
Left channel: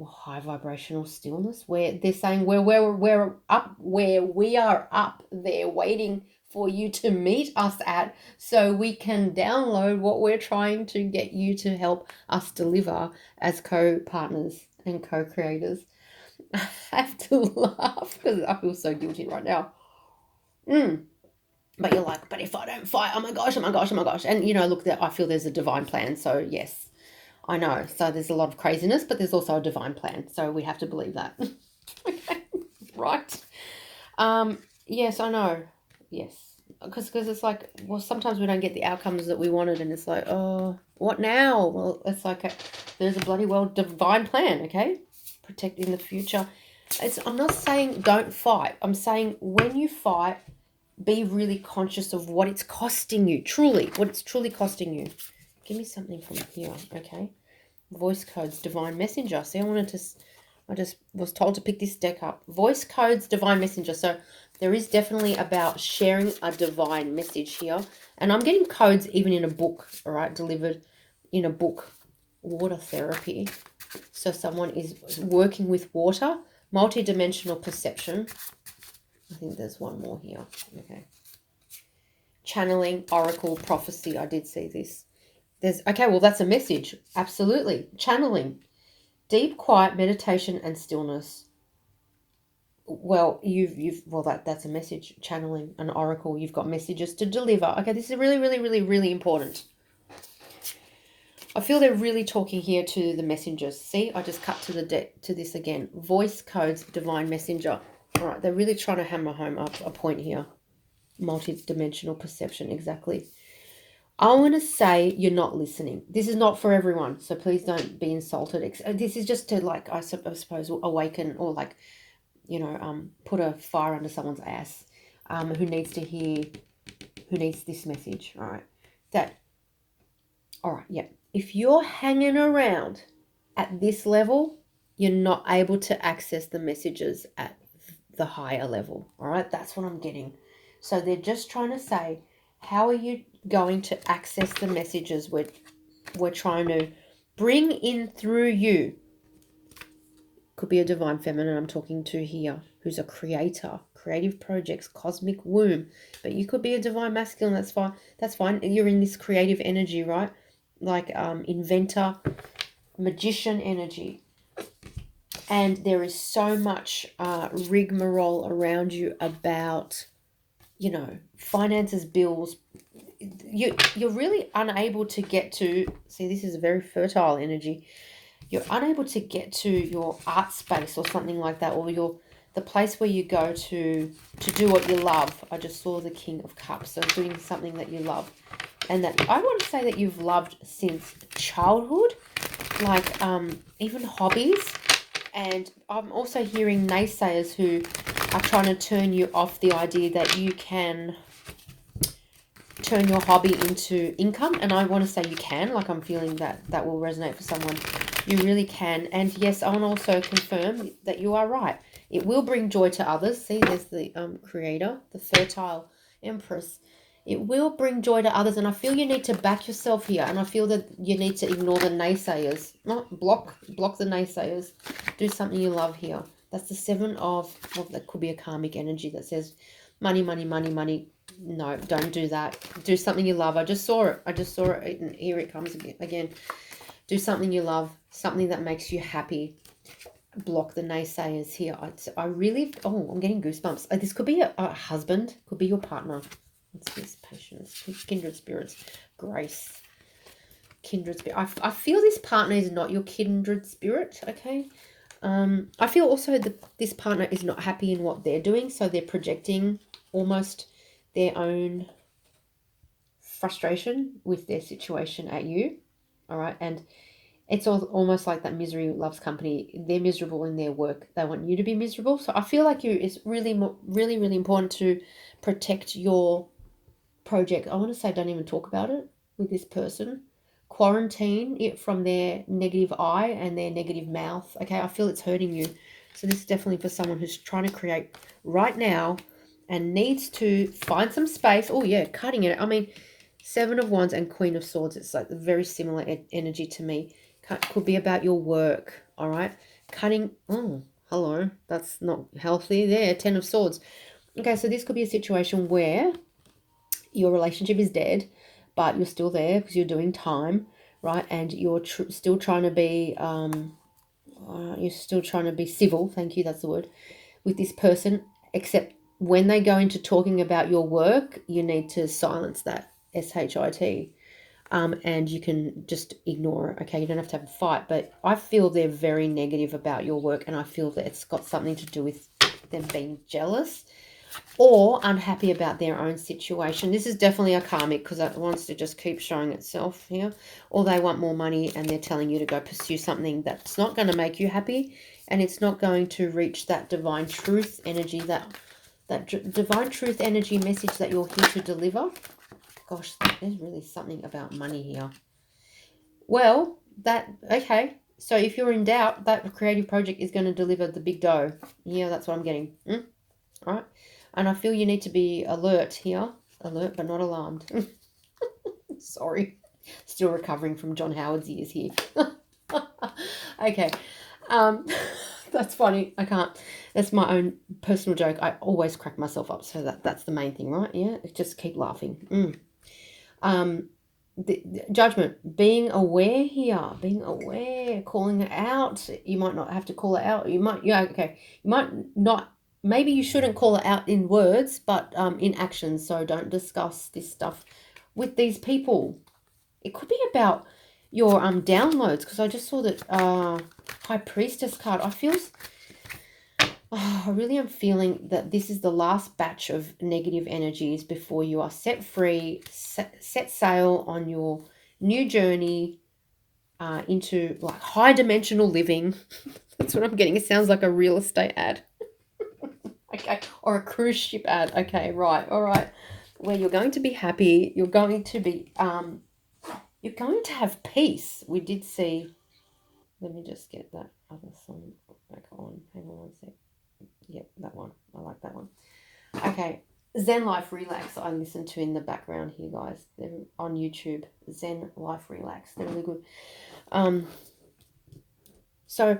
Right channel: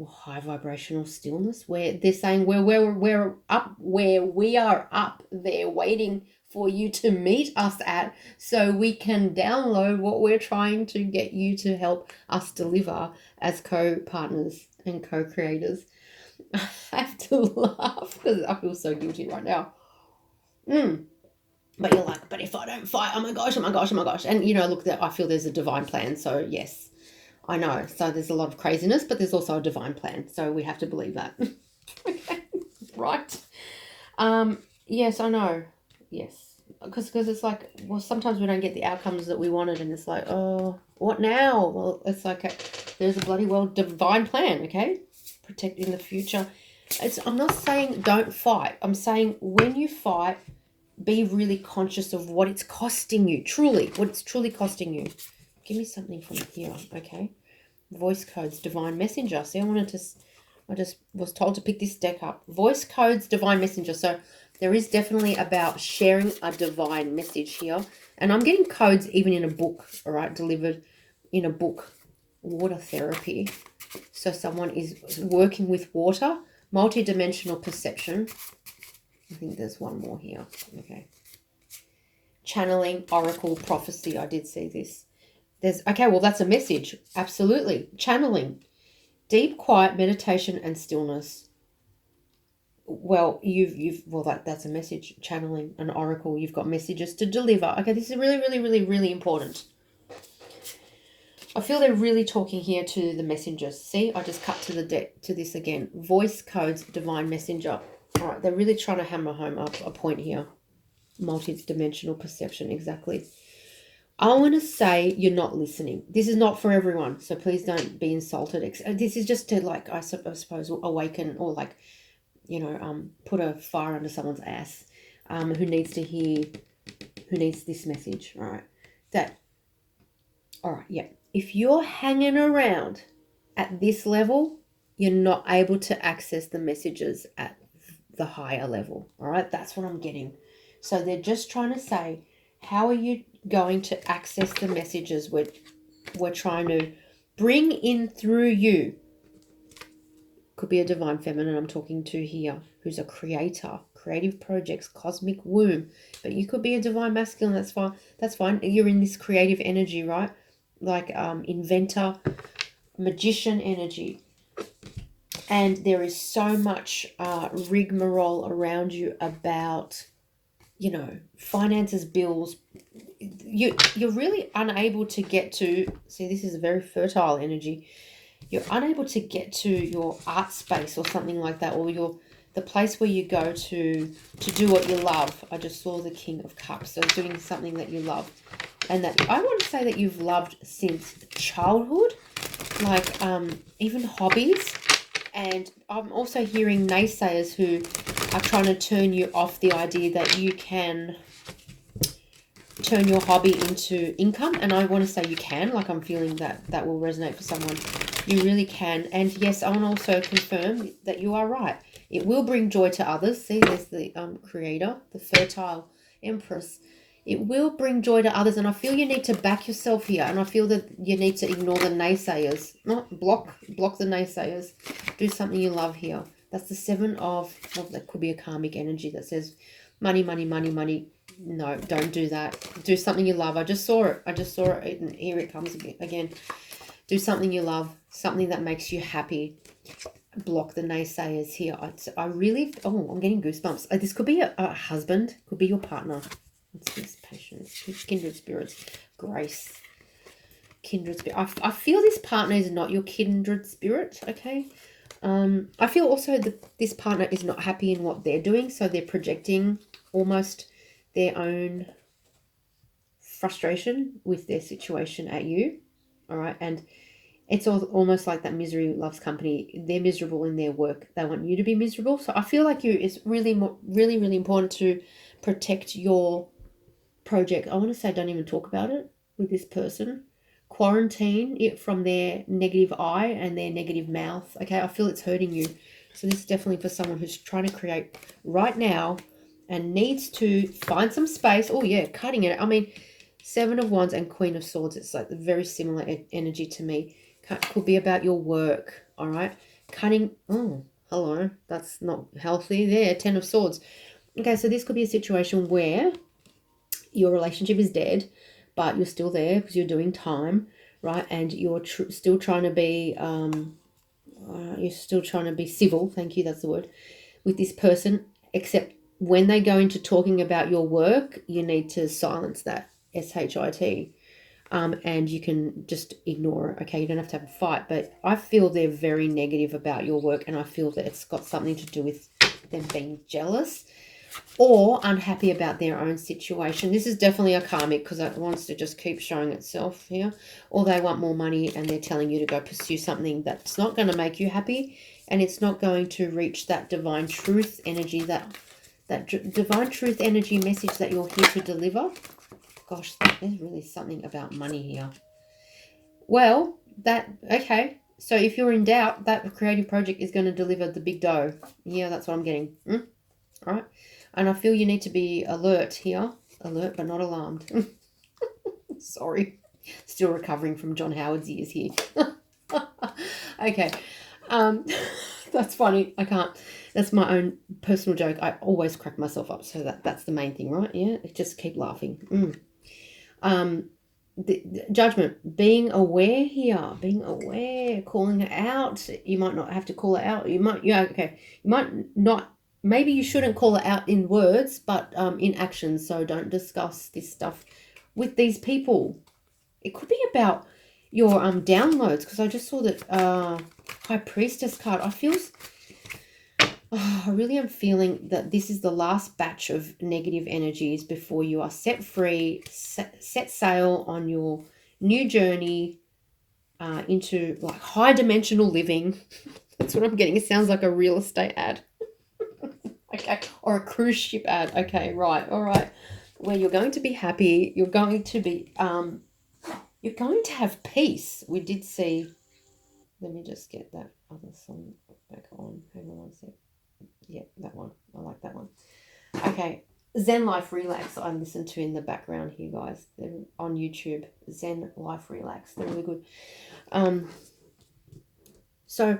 high vibrational stillness, where they're saying we're up, where we are up there waiting for you to meet us at, so we can download what we're trying to get you to help us deliver as co-partners and co-creators. I have to laugh because I feel so guilty right now. But you're like, but if I don't fight, oh my gosh. And, look, I feel there's a divine plan. So, yes, I know. So there's a lot of craziness, but there's also a divine plan. So we have to believe that. Right? Yes, I know. Yes. Because it's like, well, sometimes we don't get the outcomes that we wanted. And it's like, oh, what now? Well, it's like there's a bloody well divine plan, okay? Protecting the future. I'm not saying don't fight. I'm saying when you fight, be really conscious of what it's costing you, what it's truly costing you. Give me something from here, okay? Voice codes, divine messenger. See, I just was told to pick this deck up. Voice codes, divine messenger. So there is definitely about sharing a divine message here. And I'm getting codes even in a book, all right, delivered in a book. Water therapy. So someone is working with water, multi-dimensional perception. I think there's one more here. Okay. Channeling, oracle, prophecy. I did see this. Okay, well, that's a message. Absolutely. Channeling. Deep, quiet meditation and stillness. Well, that's a message. Channeling, an oracle. You've got messages to deliver. Okay, this is really, really, really, really important. I feel they're really talking here to the messengers. See, I just cut to the deck, to this again. Voice codes, divine messenger. All right, they're really trying to hammer home a point here. Multi-dimensional perception, exactly. I want to say you're not listening. This is not for everyone, so please don't be insulted. This is just to, like, I suppose, awaken or, like, put a fire under someone's ass who needs this message, all right? All right, yeah. If you're hanging around at this level, you're not able to access the messages at the higher level, all right? That's what I'm getting. So they're just trying to say, how are you going to access the messages we're trying to bring in through you? Could be a divine feminine I'm talking to here, who's a creator, creative projects, cosmic womb. But you could be a divine masculine. That's fine. You're in this creative energy, right? like inventor, magician energy. And there is so much rigmarole around you about, you know, finances, bills. You're really unable to get to, see, this is a very fertile energy. You're unable to get to your art space or something like that, or the place where you go to do what you love. I just saw the King of Cups, so doing something that you love, and that I want to say that you've loved since childhood, like even hobbies. And I'm also hearing naysayers who are trying to turn you off the idea that you can turn your hobby into income. And I want to say you can, like I'm feeling that will resonate for someone. You really can. And yes, I want to also confirm that you are right. It will bring joy to others. See, there's the creator, the fertile empress. It will bring joy to others, and I feel you need to back yourself here, and I feel that you need to ignore the naysayers. Not block the naysayers. Do something you love here. That's the 7 of that could be a karmic energy that says money, money, money, money. No, don't do that. Do something you love. I just saw it, and here it comes again. Do something you love, something that makes you happy. Block the naysayers here. I really, I'm getting goosebumps. This could be a husband, could be your partner. What's this? Patience, kindred spirits, grace, kindred spirit. I feel this partner is not your kindred spirit, okay? I feel also that this partner is not happy in what they're doing, so they're projecting almost their own frustration with their situation at you, all right? And it's almost like that misery loves company. They're miserable in their work. They want you to be miserable. So I feel like it's really, really, really important to protect your project. I want to say don't even talk about it with this person. Quarantine it from their negative eye and their negative mouth. Okay, I feel it's hurting you. So this is definitely for someone who's trying to create right now and needs to find some space. Oh yeah, cutting it. I mean, 7 of Wands and Queen of Swords. It's like very similar energy to me. Could be about your work. All right, cutting. Oh, hello. That's not healthy there. 10 of Swords. Okay, so this could be a situation where your relationship is dead, but you're still there because you're doing time, right? And you're still trying to be civil. Thank you, that's the word, with this person. Except when they go into talking about your work, you need to silence that shit, and you can just ignore it. Okay, you don't have to have a fight, but I feel they're very negative about your work, and I feel that it's got something to do with them being jealous or unhappy about their own situation. This is definitely a karmic because it wants to just keep showing itself here. Or they want more money and they're telling you to go pursue something that's not going to make you happy, and it's not going to reach that divine truth energy, that divine truth energy message that you're here to deliver. Gosh, there's really something about money here. Well, okay. So if you're in doubt, that creative project is going to deliver the big dough. Yeah, that's what I'm getting. All right. And I feel you need to be alert here. Alert, but not alarmed. Sorry. Still recovering from John Howard's ears here. Okay. That's funny. I can't. That's my own personal joke. I always crack myself up. So that's the main thing, right? Yeah. Just keep laughing. The judgment. Being aware here. Being aware. Calling it out. You might not have to call it out. You might. Yeah. Okay. You might not. Maybe you shouldn't call it out in words, but in action. So don't discuss this stuff with these people. It could be about your downloads, because I just saw that High Priestess card. I really am feeling that this is the last batch of negative energies before you are set free, set sail on your new journey into like high dimensional living. That's what I'm getting. It sounds like a real estate ad. Okay, or a cruise ship ad. Okay, right, all right. Where you're going to be happy, you're going to be, you're going to have peace. We did see. Let me just get that other song back on. Hang on one sec. Yeah, that one. I like that one. Okay, Zen Life Relax. I listen to in the background here, guys. They're on YouTube. Zen Life Relax. They're really good. So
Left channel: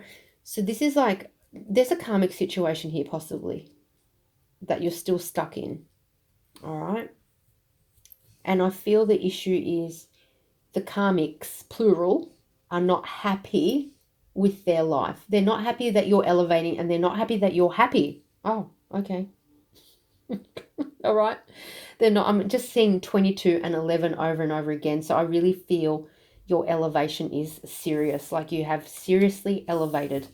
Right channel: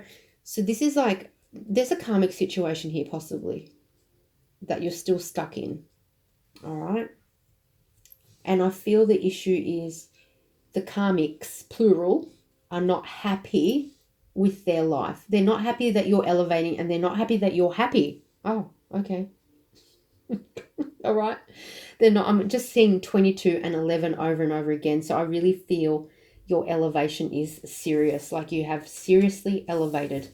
this is like, there's a karmic situation here possibly that you're still stuck in. All right. And I feel the issue is the karmics, plural, are not happy with their life. They're not happy that you're elevating, and they're not happy that you're happy. Oh, okay. All right. They're not. I'm just seeing 22 and 11 over and over again. So I really feel your elevation is serious. Like you have seriously elevated.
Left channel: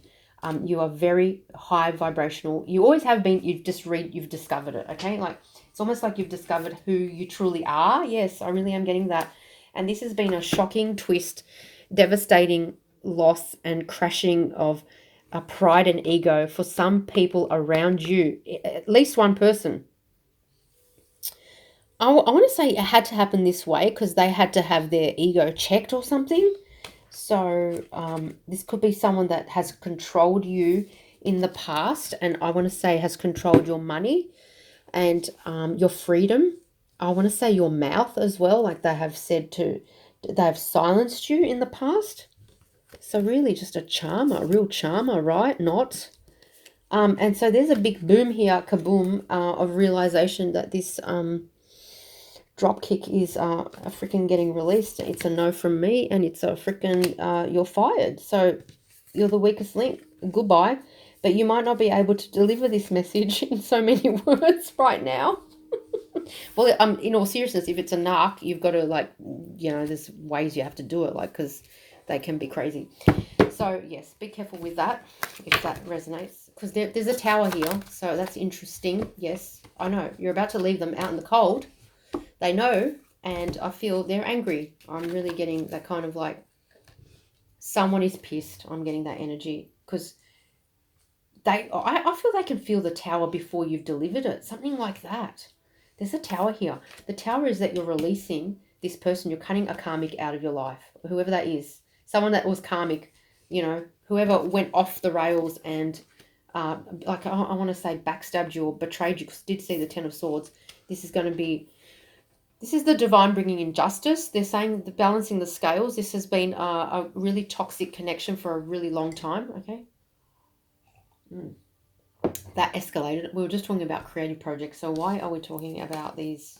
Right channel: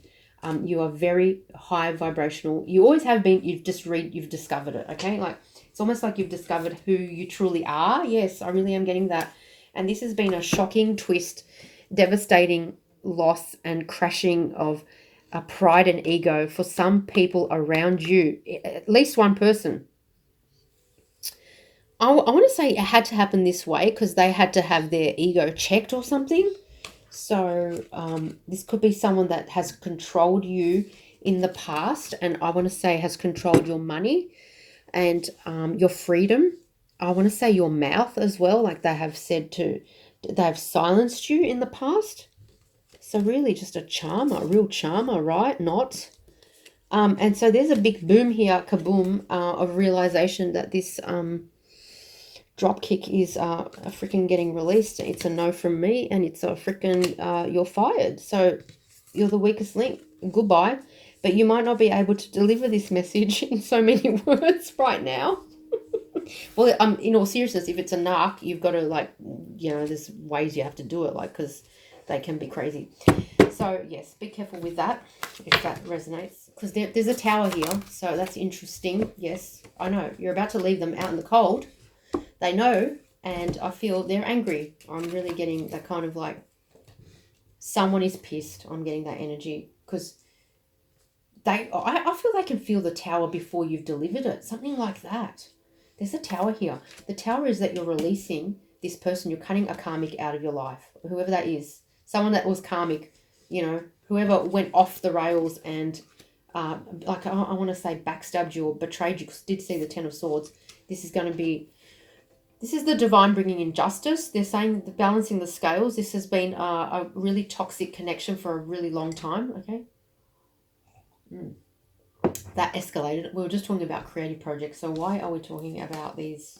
You are very high vibrational. You always have been. You've discovered it. Okay. Like it's almost like you've discovered who you truly are. Yes, I really am getting that. And this has been a shocking twist, devastating loss and crashing of pride and ego for some people around you. At least one person. I want to say it had to happen this way because they had to have their ego checked or something. So this could be someone that has controlled you in the past, and I want to say has controlled your money and your freedom. I want to say your mouth as well, like they have silenced you in the past. So really just a charmer, a real charmer, right? Not. And so there's a big boom here, kaboom, of realization that this drop kick is a freaking getting released. It's a no from me, and it's a freaking you're fired. So you're the weakest link. Goodbye. But you might not be able to deliver this message in so many words right now. Well, in all seriousness, if it's a narc, you've got to there's ways you have to do it, because they can be crazy. So yes, be careful with that if that resonates, because there's a tower here, so that's interesting. Yes, I know you're about to leave them out in the cold. They know, and I feel they're angry. I'm really getting that kind of someone is pissed. I'm getting that energy because I feel they can feel the tower before you've delivered it, something like that. There's a tower here. The tower is that you're releasing this person. You're cutting a karmic out of your life, whoever that is. Someone that was karmic, whoever went off the rails and, I want to say backstabbed you or betrayed you, because I did see the Ten of Swords. This is the divine bringing in justice. They're saying the balancing the scales. This has been a really toxic connection for a really long time, okay? That escalated. We were just talking about creative projects. So why are we talking about these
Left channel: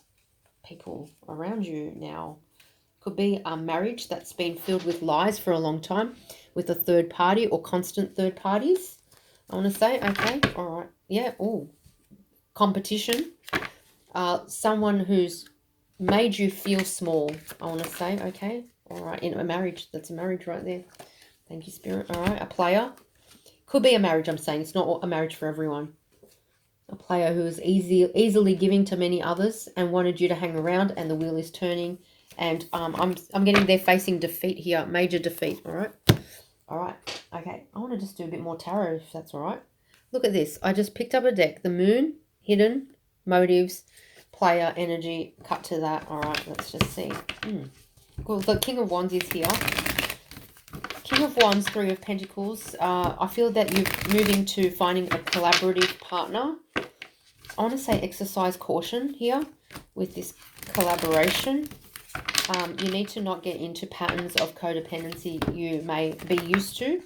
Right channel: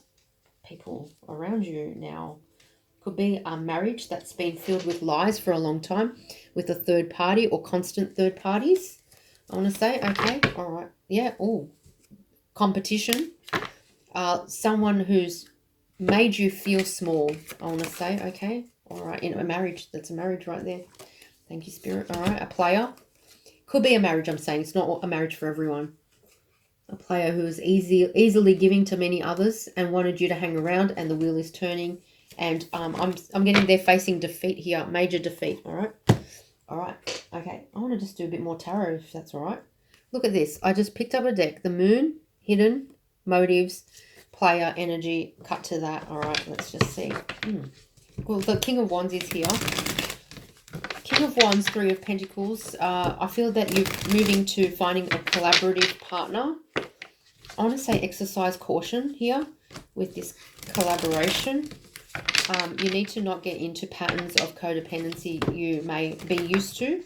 people around you now? Could be a marriage that's been filled with lies for a long time, with a third party or constant third parties. I want to say, okay, all right. Yeah, competition. Someone who's made you feel small, I want to say, okay, all right, in a marriage. That's a marriage right there. Thank you, Spirit. All right, a player. Could be a marriage, I'm saying. It's not a marriage for everyone. A player who is easily giving to many others and wanted you to hang around, and the wheel is turning. And I'm getting they're facing defeat here, major defeat, all right? All right, okay. I want to just do a bit more tarot, if that's all right. Look at this. I just picked up a deck. The moon, hidden, motives, player, energy, cut to that. All right, let's just see. Well, the King of Wands is here. King of Wands, Three of Pentacles. I feel that you're moving to finding a collaborative partner. I want to say exercise caution here with this collaboration. You need to not get into patterns of codependency you may be used to.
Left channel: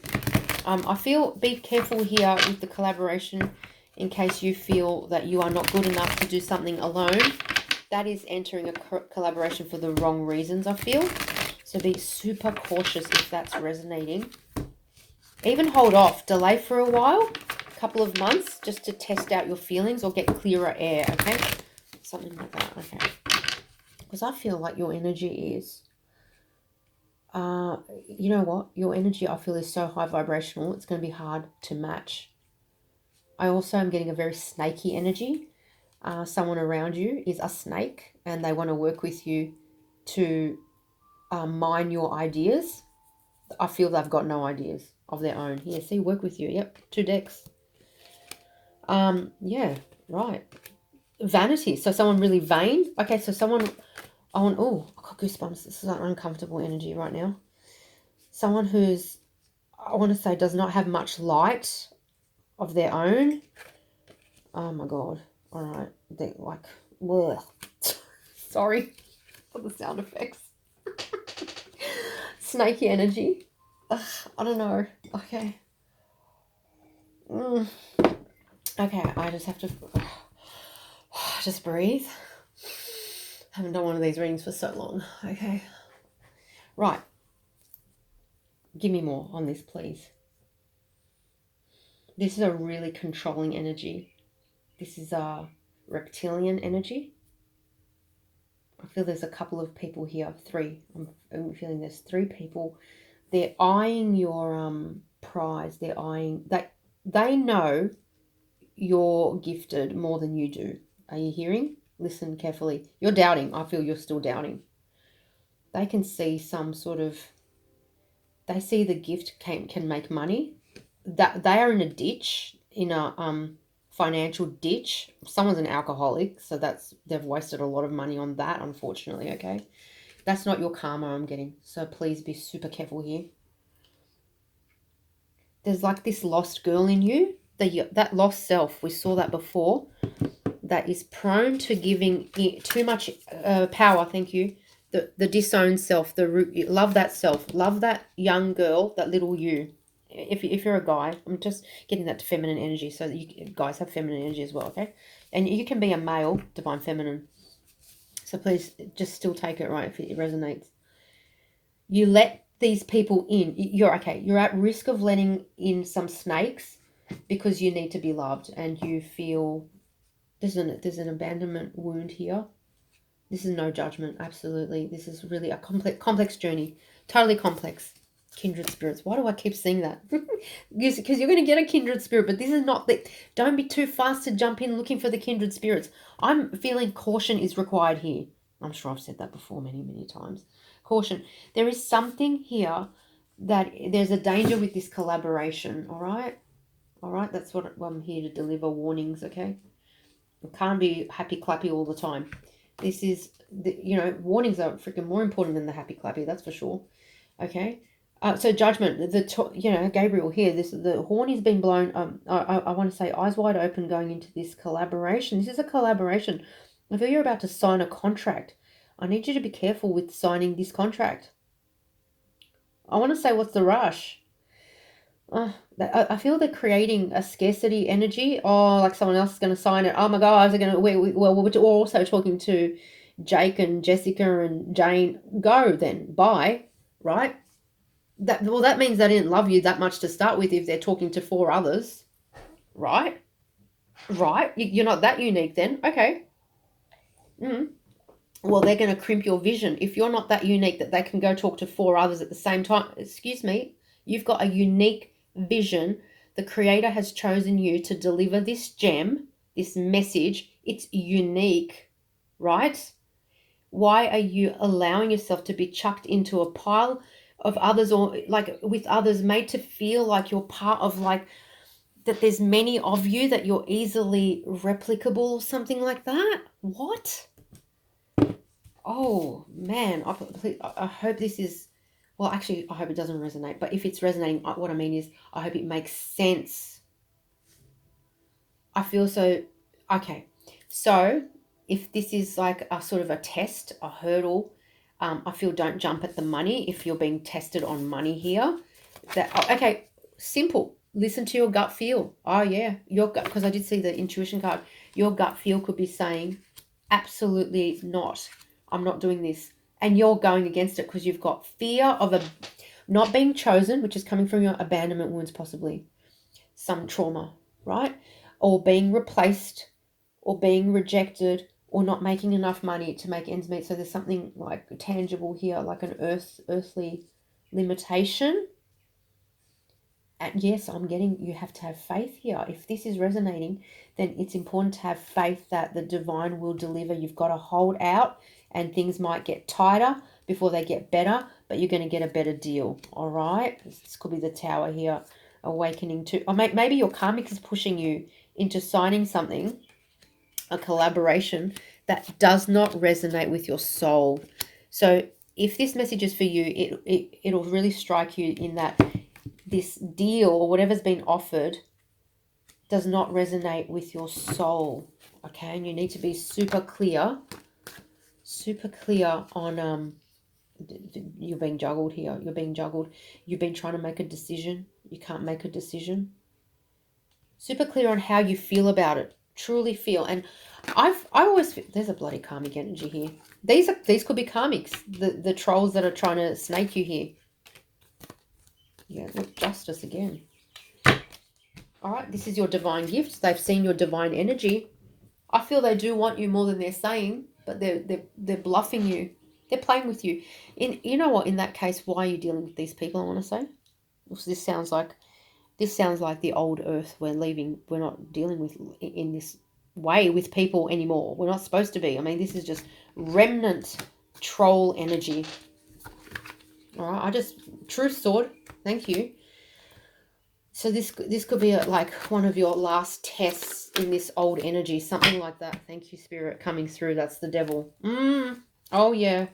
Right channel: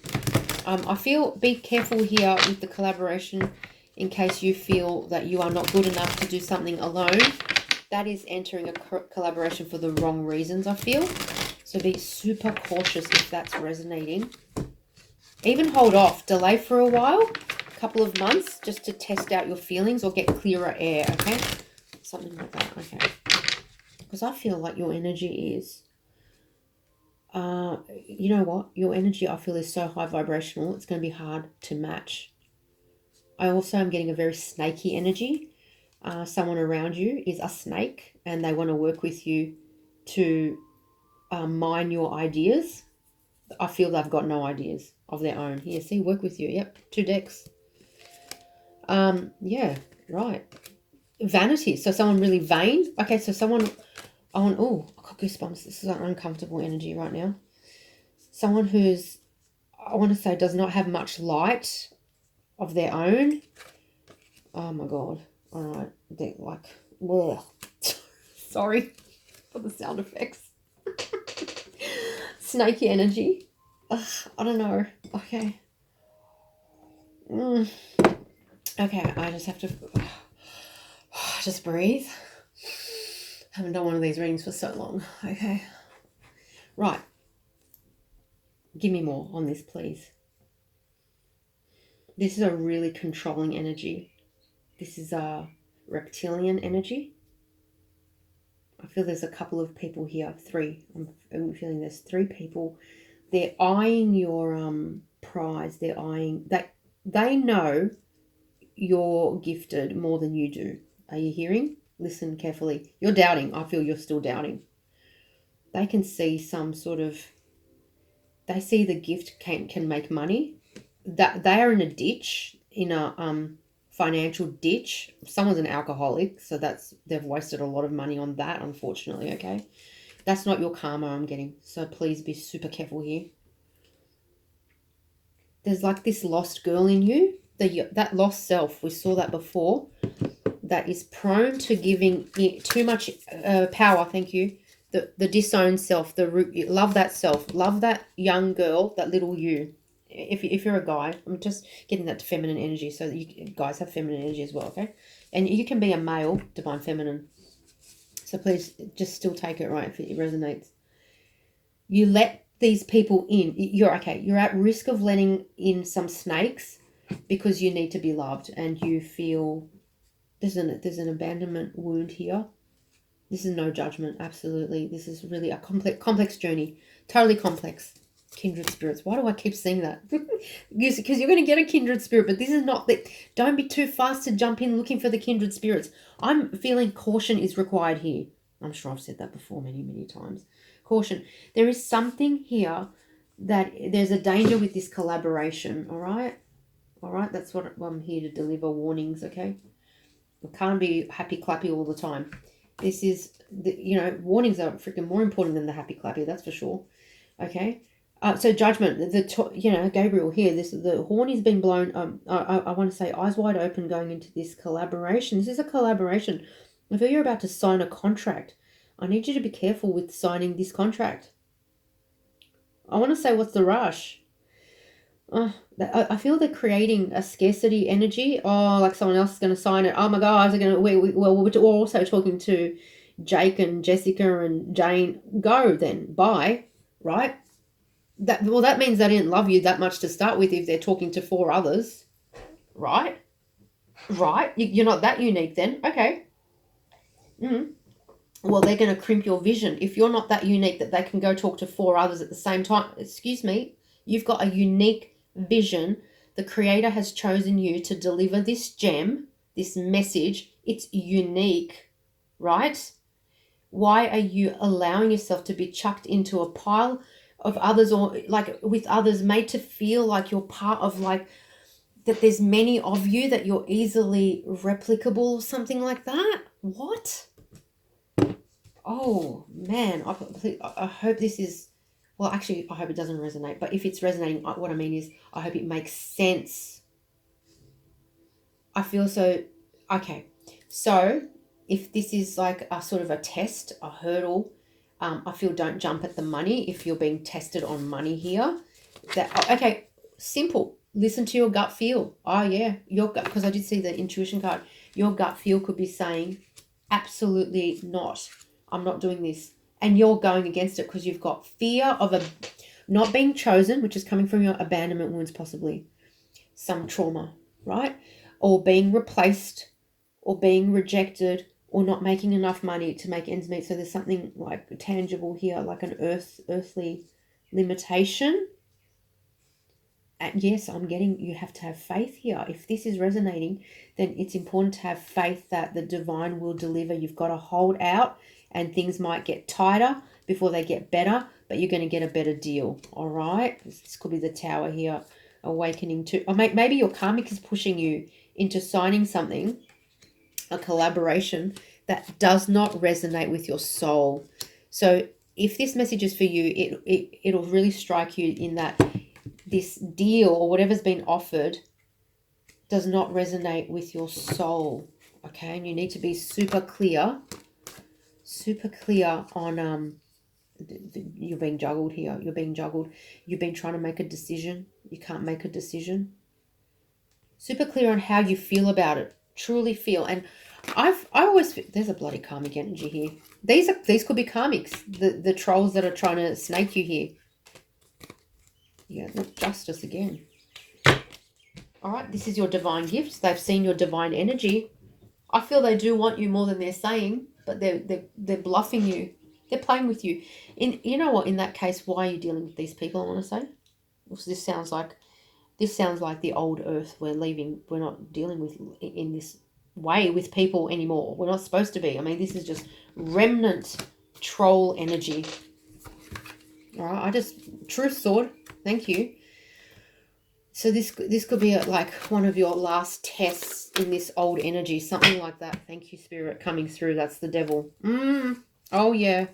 I feel be careful here with the collaboration in case you feel that you are not good enough to do something alone. That is entering a collaboration for the wrong reasons, I feel. So be super cautious if that's resonating. Even hold off, delay for a while, a couple of months, just to test out your feelings or get clearer air, okay? Something like that, okay. Because I feel like your energy is, you know what? Your energy, I feel, is so high vibrational, it's going to be hard to match. I also am getting a very snaky energy. Someone around you is a snake and they want to work with you to mine your ideas. I feel they've got no ideas of their own. Yeah, see, work with you. Yep, 2 decks. Yeah, right. Vanity. So someone really vain. Okay, so someone... I got goosebumps. This is an uncomfortable energy right now. Someone who's, I want to say, does not have much light of their own. Oh my God. All right. They're like, ugh. Sorry for the sound effects. Snaky energy. Ugh, I don't know. Okay. Okay, I just have to just breathe. I haven't done one of these readings for so long. Okay. Right. Give me more on this, please. This is a really controlling energy. This is a reptilian energy. I feel there's a couple of people here. 3. I'm feeling there's 3 people. They're eyeing your prize. They're eyeing that they know you're gifted more than you do. Are you hearing? Listen carefully. You're doubting. I feel you're still doubting. They can see some sort of, they see the gift can make money. That they are in a ditch, in a financial ditch. Someone's an alcoholic, so they've wasted a lot of money on that, unfortunately. Okay, that's not your karma I'm getting, so please be super careful here. There's like this lost girl in you, that lost self. We saw that before. That is prone to giving too much power. Thank you. The disowned self, the root. Love that self. Love that young girl, that little you. If you're a guy, I'm just getting that to feminine energy, so that you guys have feminine energy as well, okay? And you can be a male, divine feminine. So please just still take it, right, if it resonates. You let these people in. You're okay. You're at risk of letting in some snakes because you need to be loved, and you feel there's an abandonment wound here. This is no judgment, absolutely. This is really a complex journey, totally complex. Kindred spirits. Why do I keep saying that? Because you're going to get a kindred spirit, but this is not the. Don't be too fast to jump in looking for the kindred spirits. I'm feeling caution is required here. I'm sure I've said that before many times. Caution. There is something here that there's a danger with this collaboration. All right. That's what I'm here to deliver, warnings. Okay. We can't be happy clappy all the time. This is warnings are freaking more important than the happy clappy. That's for sure. Okay. So judgment, Gabriel here, the horn is being blown. I want to say eyes wide open going into this collaboration. This is a collaboration. I feel you're about to sign a contract. I need you to be careful with signing this contract. I want to say, what's the rush? I feel they're creating a scarcity energy. Oh, like someone else is going to sign it. Oh my God, we're also talking to Jake and Jessica and Jane. Go then, bye, right? That means they didn't love you that much to start with if they're talking to 4 others, right? You're not that unique then. Okay. Well, they're going to crimp your vision. If you're not that unique that they can go talk to 4 others at the same time, excuse me, you've got a unique vision. The Creator has chosen you to deliver this gem, this message. It's unique, right? Why are you allowing yourself to be chucked into a pile of others, or like with others, made to feel like you're part of, like that there's many of you, that you're easily replicable or something like that? What? Oh man, I hope this is, well, actually I hope it doesn't resonate, but if it's resonating, what I mean is I hope it makes sense. I feel so, okay, so if this is like a sort of a test, a hurdle, I feel don't jump at the money if you're being tested on money here. Okay, simple. Listen to your gut feel. Oh yeah, your gut, because I did see the intuition card. Your gut feel could be saying, absolutely not. I'm not doing this. And you're going against it because you've got fear of not being chosen, which is coming from your abandonment wounds, possibly some trauma, right? Or being replaced, or being rejected, or not making enough money to make ends meet. So there's something like tangible here, like an earthly limitation. And yes, I'm getting, you have to have faith here. If this is resonating, then it's important to have faith that the divine will deliver. You've got to hold out, and things might get tighter before they get better, but you're going to get a better deal. All right. This could be the Tower here, awakening to, or maybe your karmic is pushing you into signing something, a collaboration that does not resonate with your soul. So if this message is for you, it'll really strike you in that this deal or whatever's been offered does not resonate with your soul. Okay, and you need to be super clear on you're being juggled here. You're being juggled. You've been trying to make a decision. You can't make a decision. Super clear on how you feel about it. Truly feel. And I always feel, there's a bloody karmic energy here. These could be karmics, the trolls that are trying to snake you here. Yeah, look, justice again. All right, this is your divine gift. They've seen your divine energy. I feel they do want you more than they're saying, but they're bluffing you. They're playing with you. You know what? In that case, why are you dealing with these people? I want to say, this sounds like the old earth we're leaving. We're not dealing with in this way with people anymore. We're not supposed to be. I mean, this is just remnant troll energy. All right, truth sword. Thank you. So this could be like one of your last tests in this old energy, something like that. Thank you, Spirit, coming through. That's the devil. Oh yeah.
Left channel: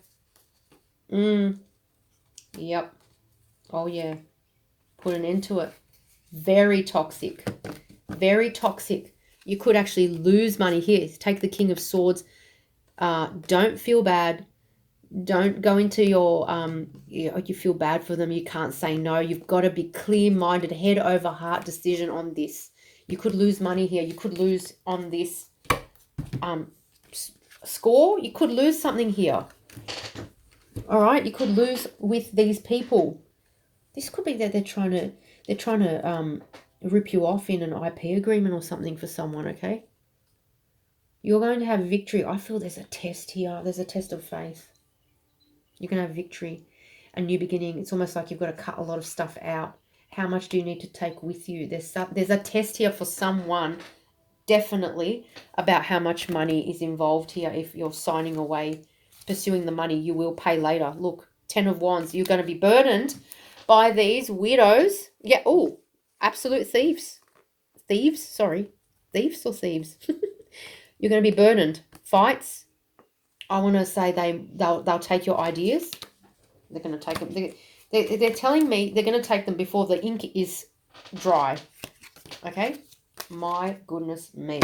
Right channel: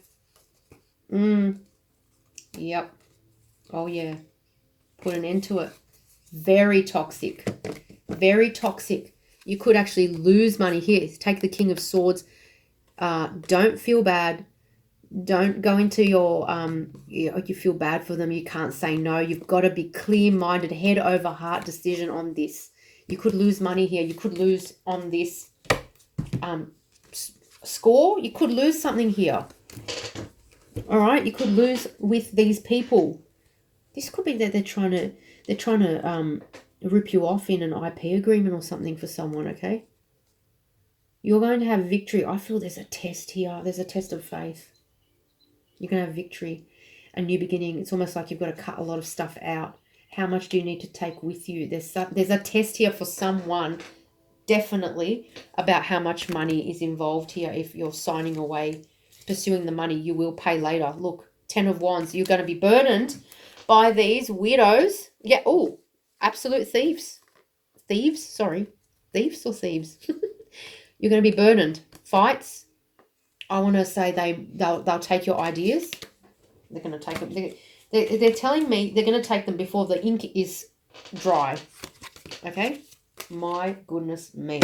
Yep. Oh yeah. Put an end to it. Very toxic. Very toxic. You could actually lose money here. Take the King of Swords. Don't feel bad. Don't go into your you feel bad for them. You can't say no. You've got to be clear-minded, head over heart decision on this. You could lose money here. You could lose on this score. You could lose something here. All right, you could lose with these people. This could be that they're trying to rip you off in an IP agreement or something for someone. Okay, you're going to have victory. I feel there's a test here. There's a test of faith. You're going to have victory, a new beginning. It's almost like you've got to cut a lot of stuff out. How much do you need to take with you? There's a test here for someone, definitely, about how much money is involved here. If you're signing away, pursuing the money, you will pay later. Look, 10 of Wands. You're going to be burdened by these widows. Yeah, oh, absolute thieves. Thieves or thieves. You're going to be burdened. Fights. I want to say they'll take your ideas. They're going to take them. They're telling me they're going to take them before the ink is dry. Okay? My goodness me.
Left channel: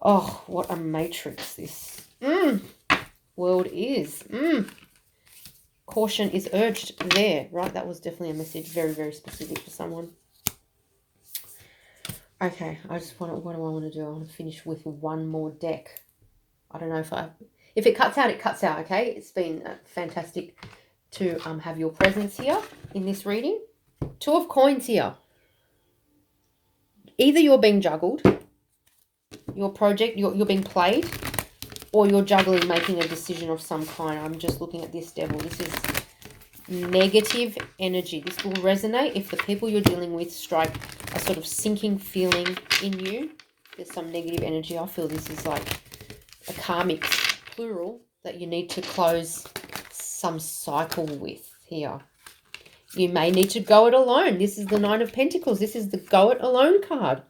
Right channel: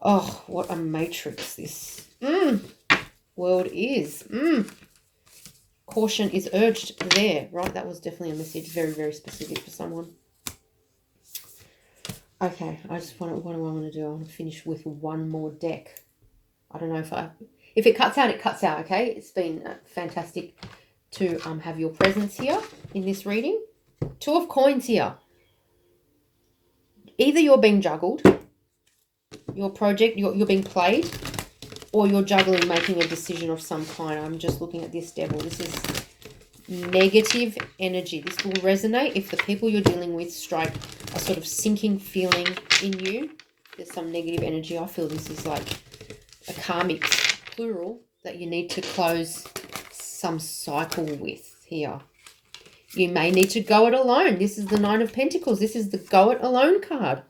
Oh, what a matrix this world is. Caution is urged there. Right? That was definitely a message. Very, very specific for someone. Okay. What do I want to do? I want to finish with one more deck. I don't know if it cuts out, it cuts out, okay? It's been fantastic to have your presence here in this reading. 2 of Coins here. Either you're being juggled, your project, you're being played, or you're juggling, making a decision of some kind. I'm just looking at this devil. This is negative energy. This will resonate if the people you're dealing with strike a sort of sinking feeling in you. There's some negative energy. I feel this is like a karmic, plural, that you need to close some cycle with here. You may need to go it alone. This is the 9 of Pentacles. This is the go it alone card.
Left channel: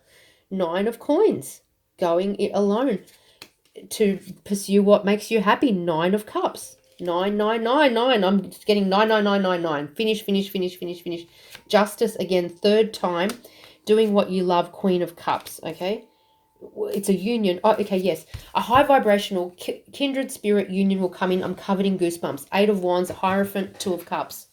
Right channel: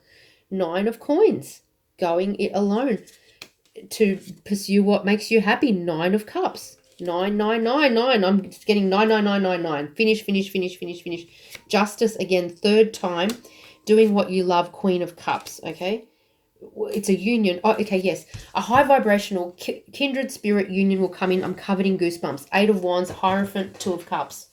9 of Coins. Going it alone to pursue what makes you happy. 9 of Cups. 9999. I'm getting 99999. Finish. Justice again, 3rd time. Doing what you love. Queen of Cups. Okay. It's a union. Oh, okay, yes. A high vibrational kindred spirit union will come in. I'm covered in goosebumps. 8 of Wands, Hierophant, 2 of Cups.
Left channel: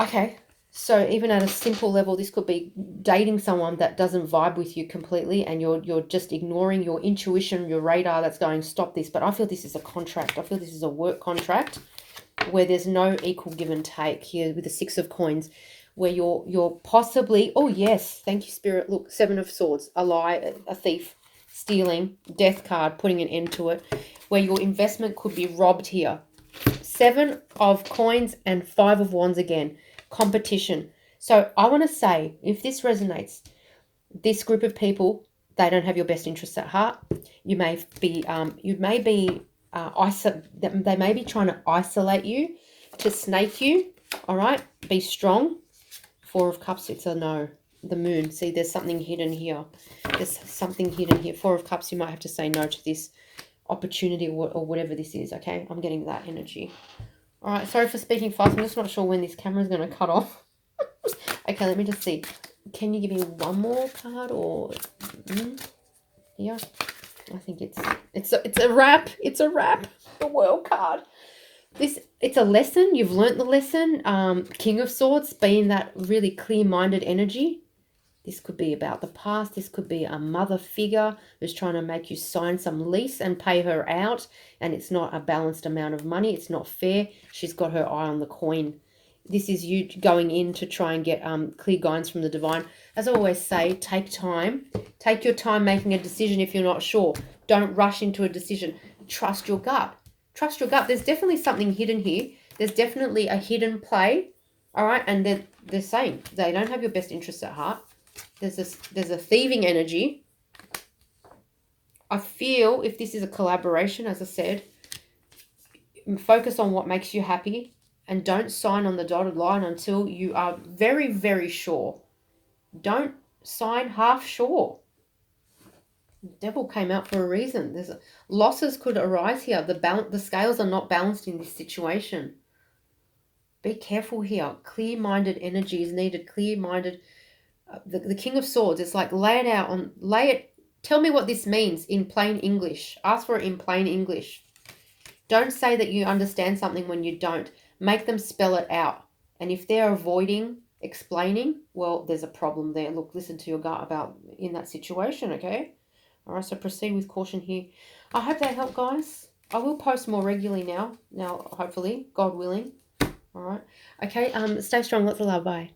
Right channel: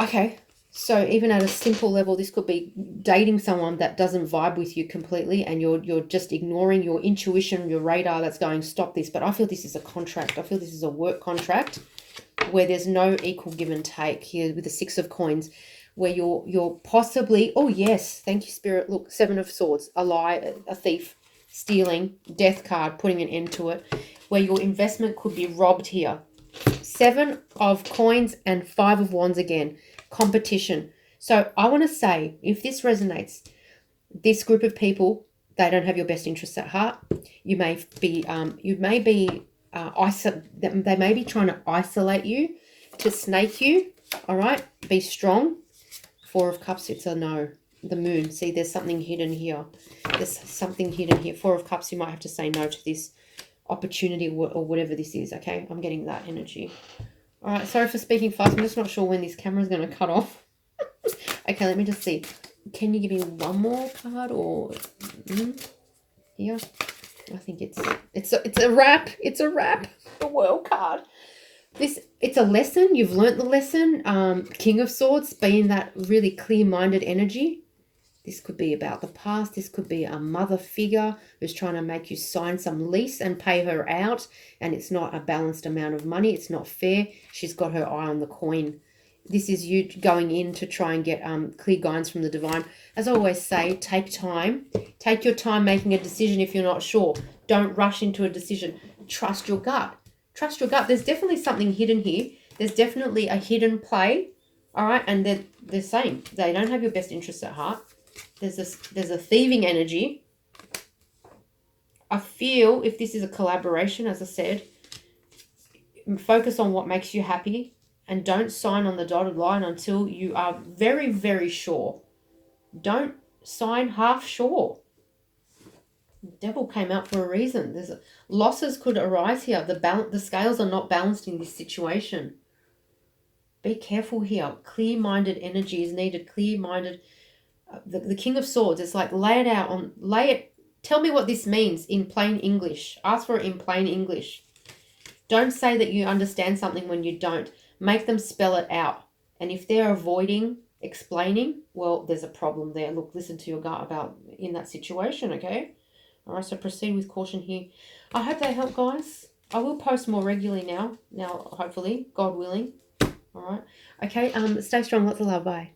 Okay, so even at a simple level, this could be dating someone that doesn't vibe with you completely, and you're just ignoring your intuition, your radar that's going, stop this. But I feel this is a contract. I feel this is a work contract where there's no equal give and take here with the 6 of Coins. Where you're possibly, oh yes, thank you, Spirit. Look, 7 of Swords, a lie, a thief, stealing, death card, putting an end to it, where your investment could be robbed here. 7 of Coins and 5 of Wands again, competition. So I want to say, if this resonates, this group of people, they don't have your best interests at heart. They may be trying to isolate you, to snake you. All right, be strong. 4 of Cups, it's a no. The Moon. See, there's something hidden here. 4 of Cups, you might have to say no to this opportunity or whatever this is, okay? I'm getting that energy. All right, sorry for speaking fast. I'm just not sure when this camera is going to cut off. Okay, let me just see. Can you give me one more card or here? I think it's a wrap. It's a wrap. The World card. It's a lesson. You've learnt the lesson. King of Swords being that really clear-minded energy. This could be about the past. This could be a mother figure who's trying to make you sign some lease and pay her out. And it's not a balanced amount of money. It's not fair. She's got her eye on the coin. This is you going in to try and get clear guidance from the divine. As I always say, take time. Take your time making a decision if you're not sure. Don't rush into a decision. Trust your gut. Trust your gut. There's definitely something hidden here. There's definitely a hidden play. All right. And they're saying they don't have your best interests at heart. There's a thieving energy. I feel if this is a collaboration, as I said, focus on what makes you happy and don't sign on the dotted line until you are very, very sure. Don't sign half sure. The devil came out for a reason. Losses could arise here. The scales are not balanced in this situation. Be careful here. Clear-minded energy is needed. Clear-minded. The King of Swords, it's like tell me what this means in plain English. Ask for it in plain English. Don't say that you understand something when you don't. Make them spell it out. And if they're avoiding explaining, well, there's a problem there. Look, listen to your gut about in that situation, okay? All right, so proceed with caution here. I hope that helped, guys. I will post more regularly now, hopefully, God willing. All right. Okay, stay strong. Lots of love. Bye.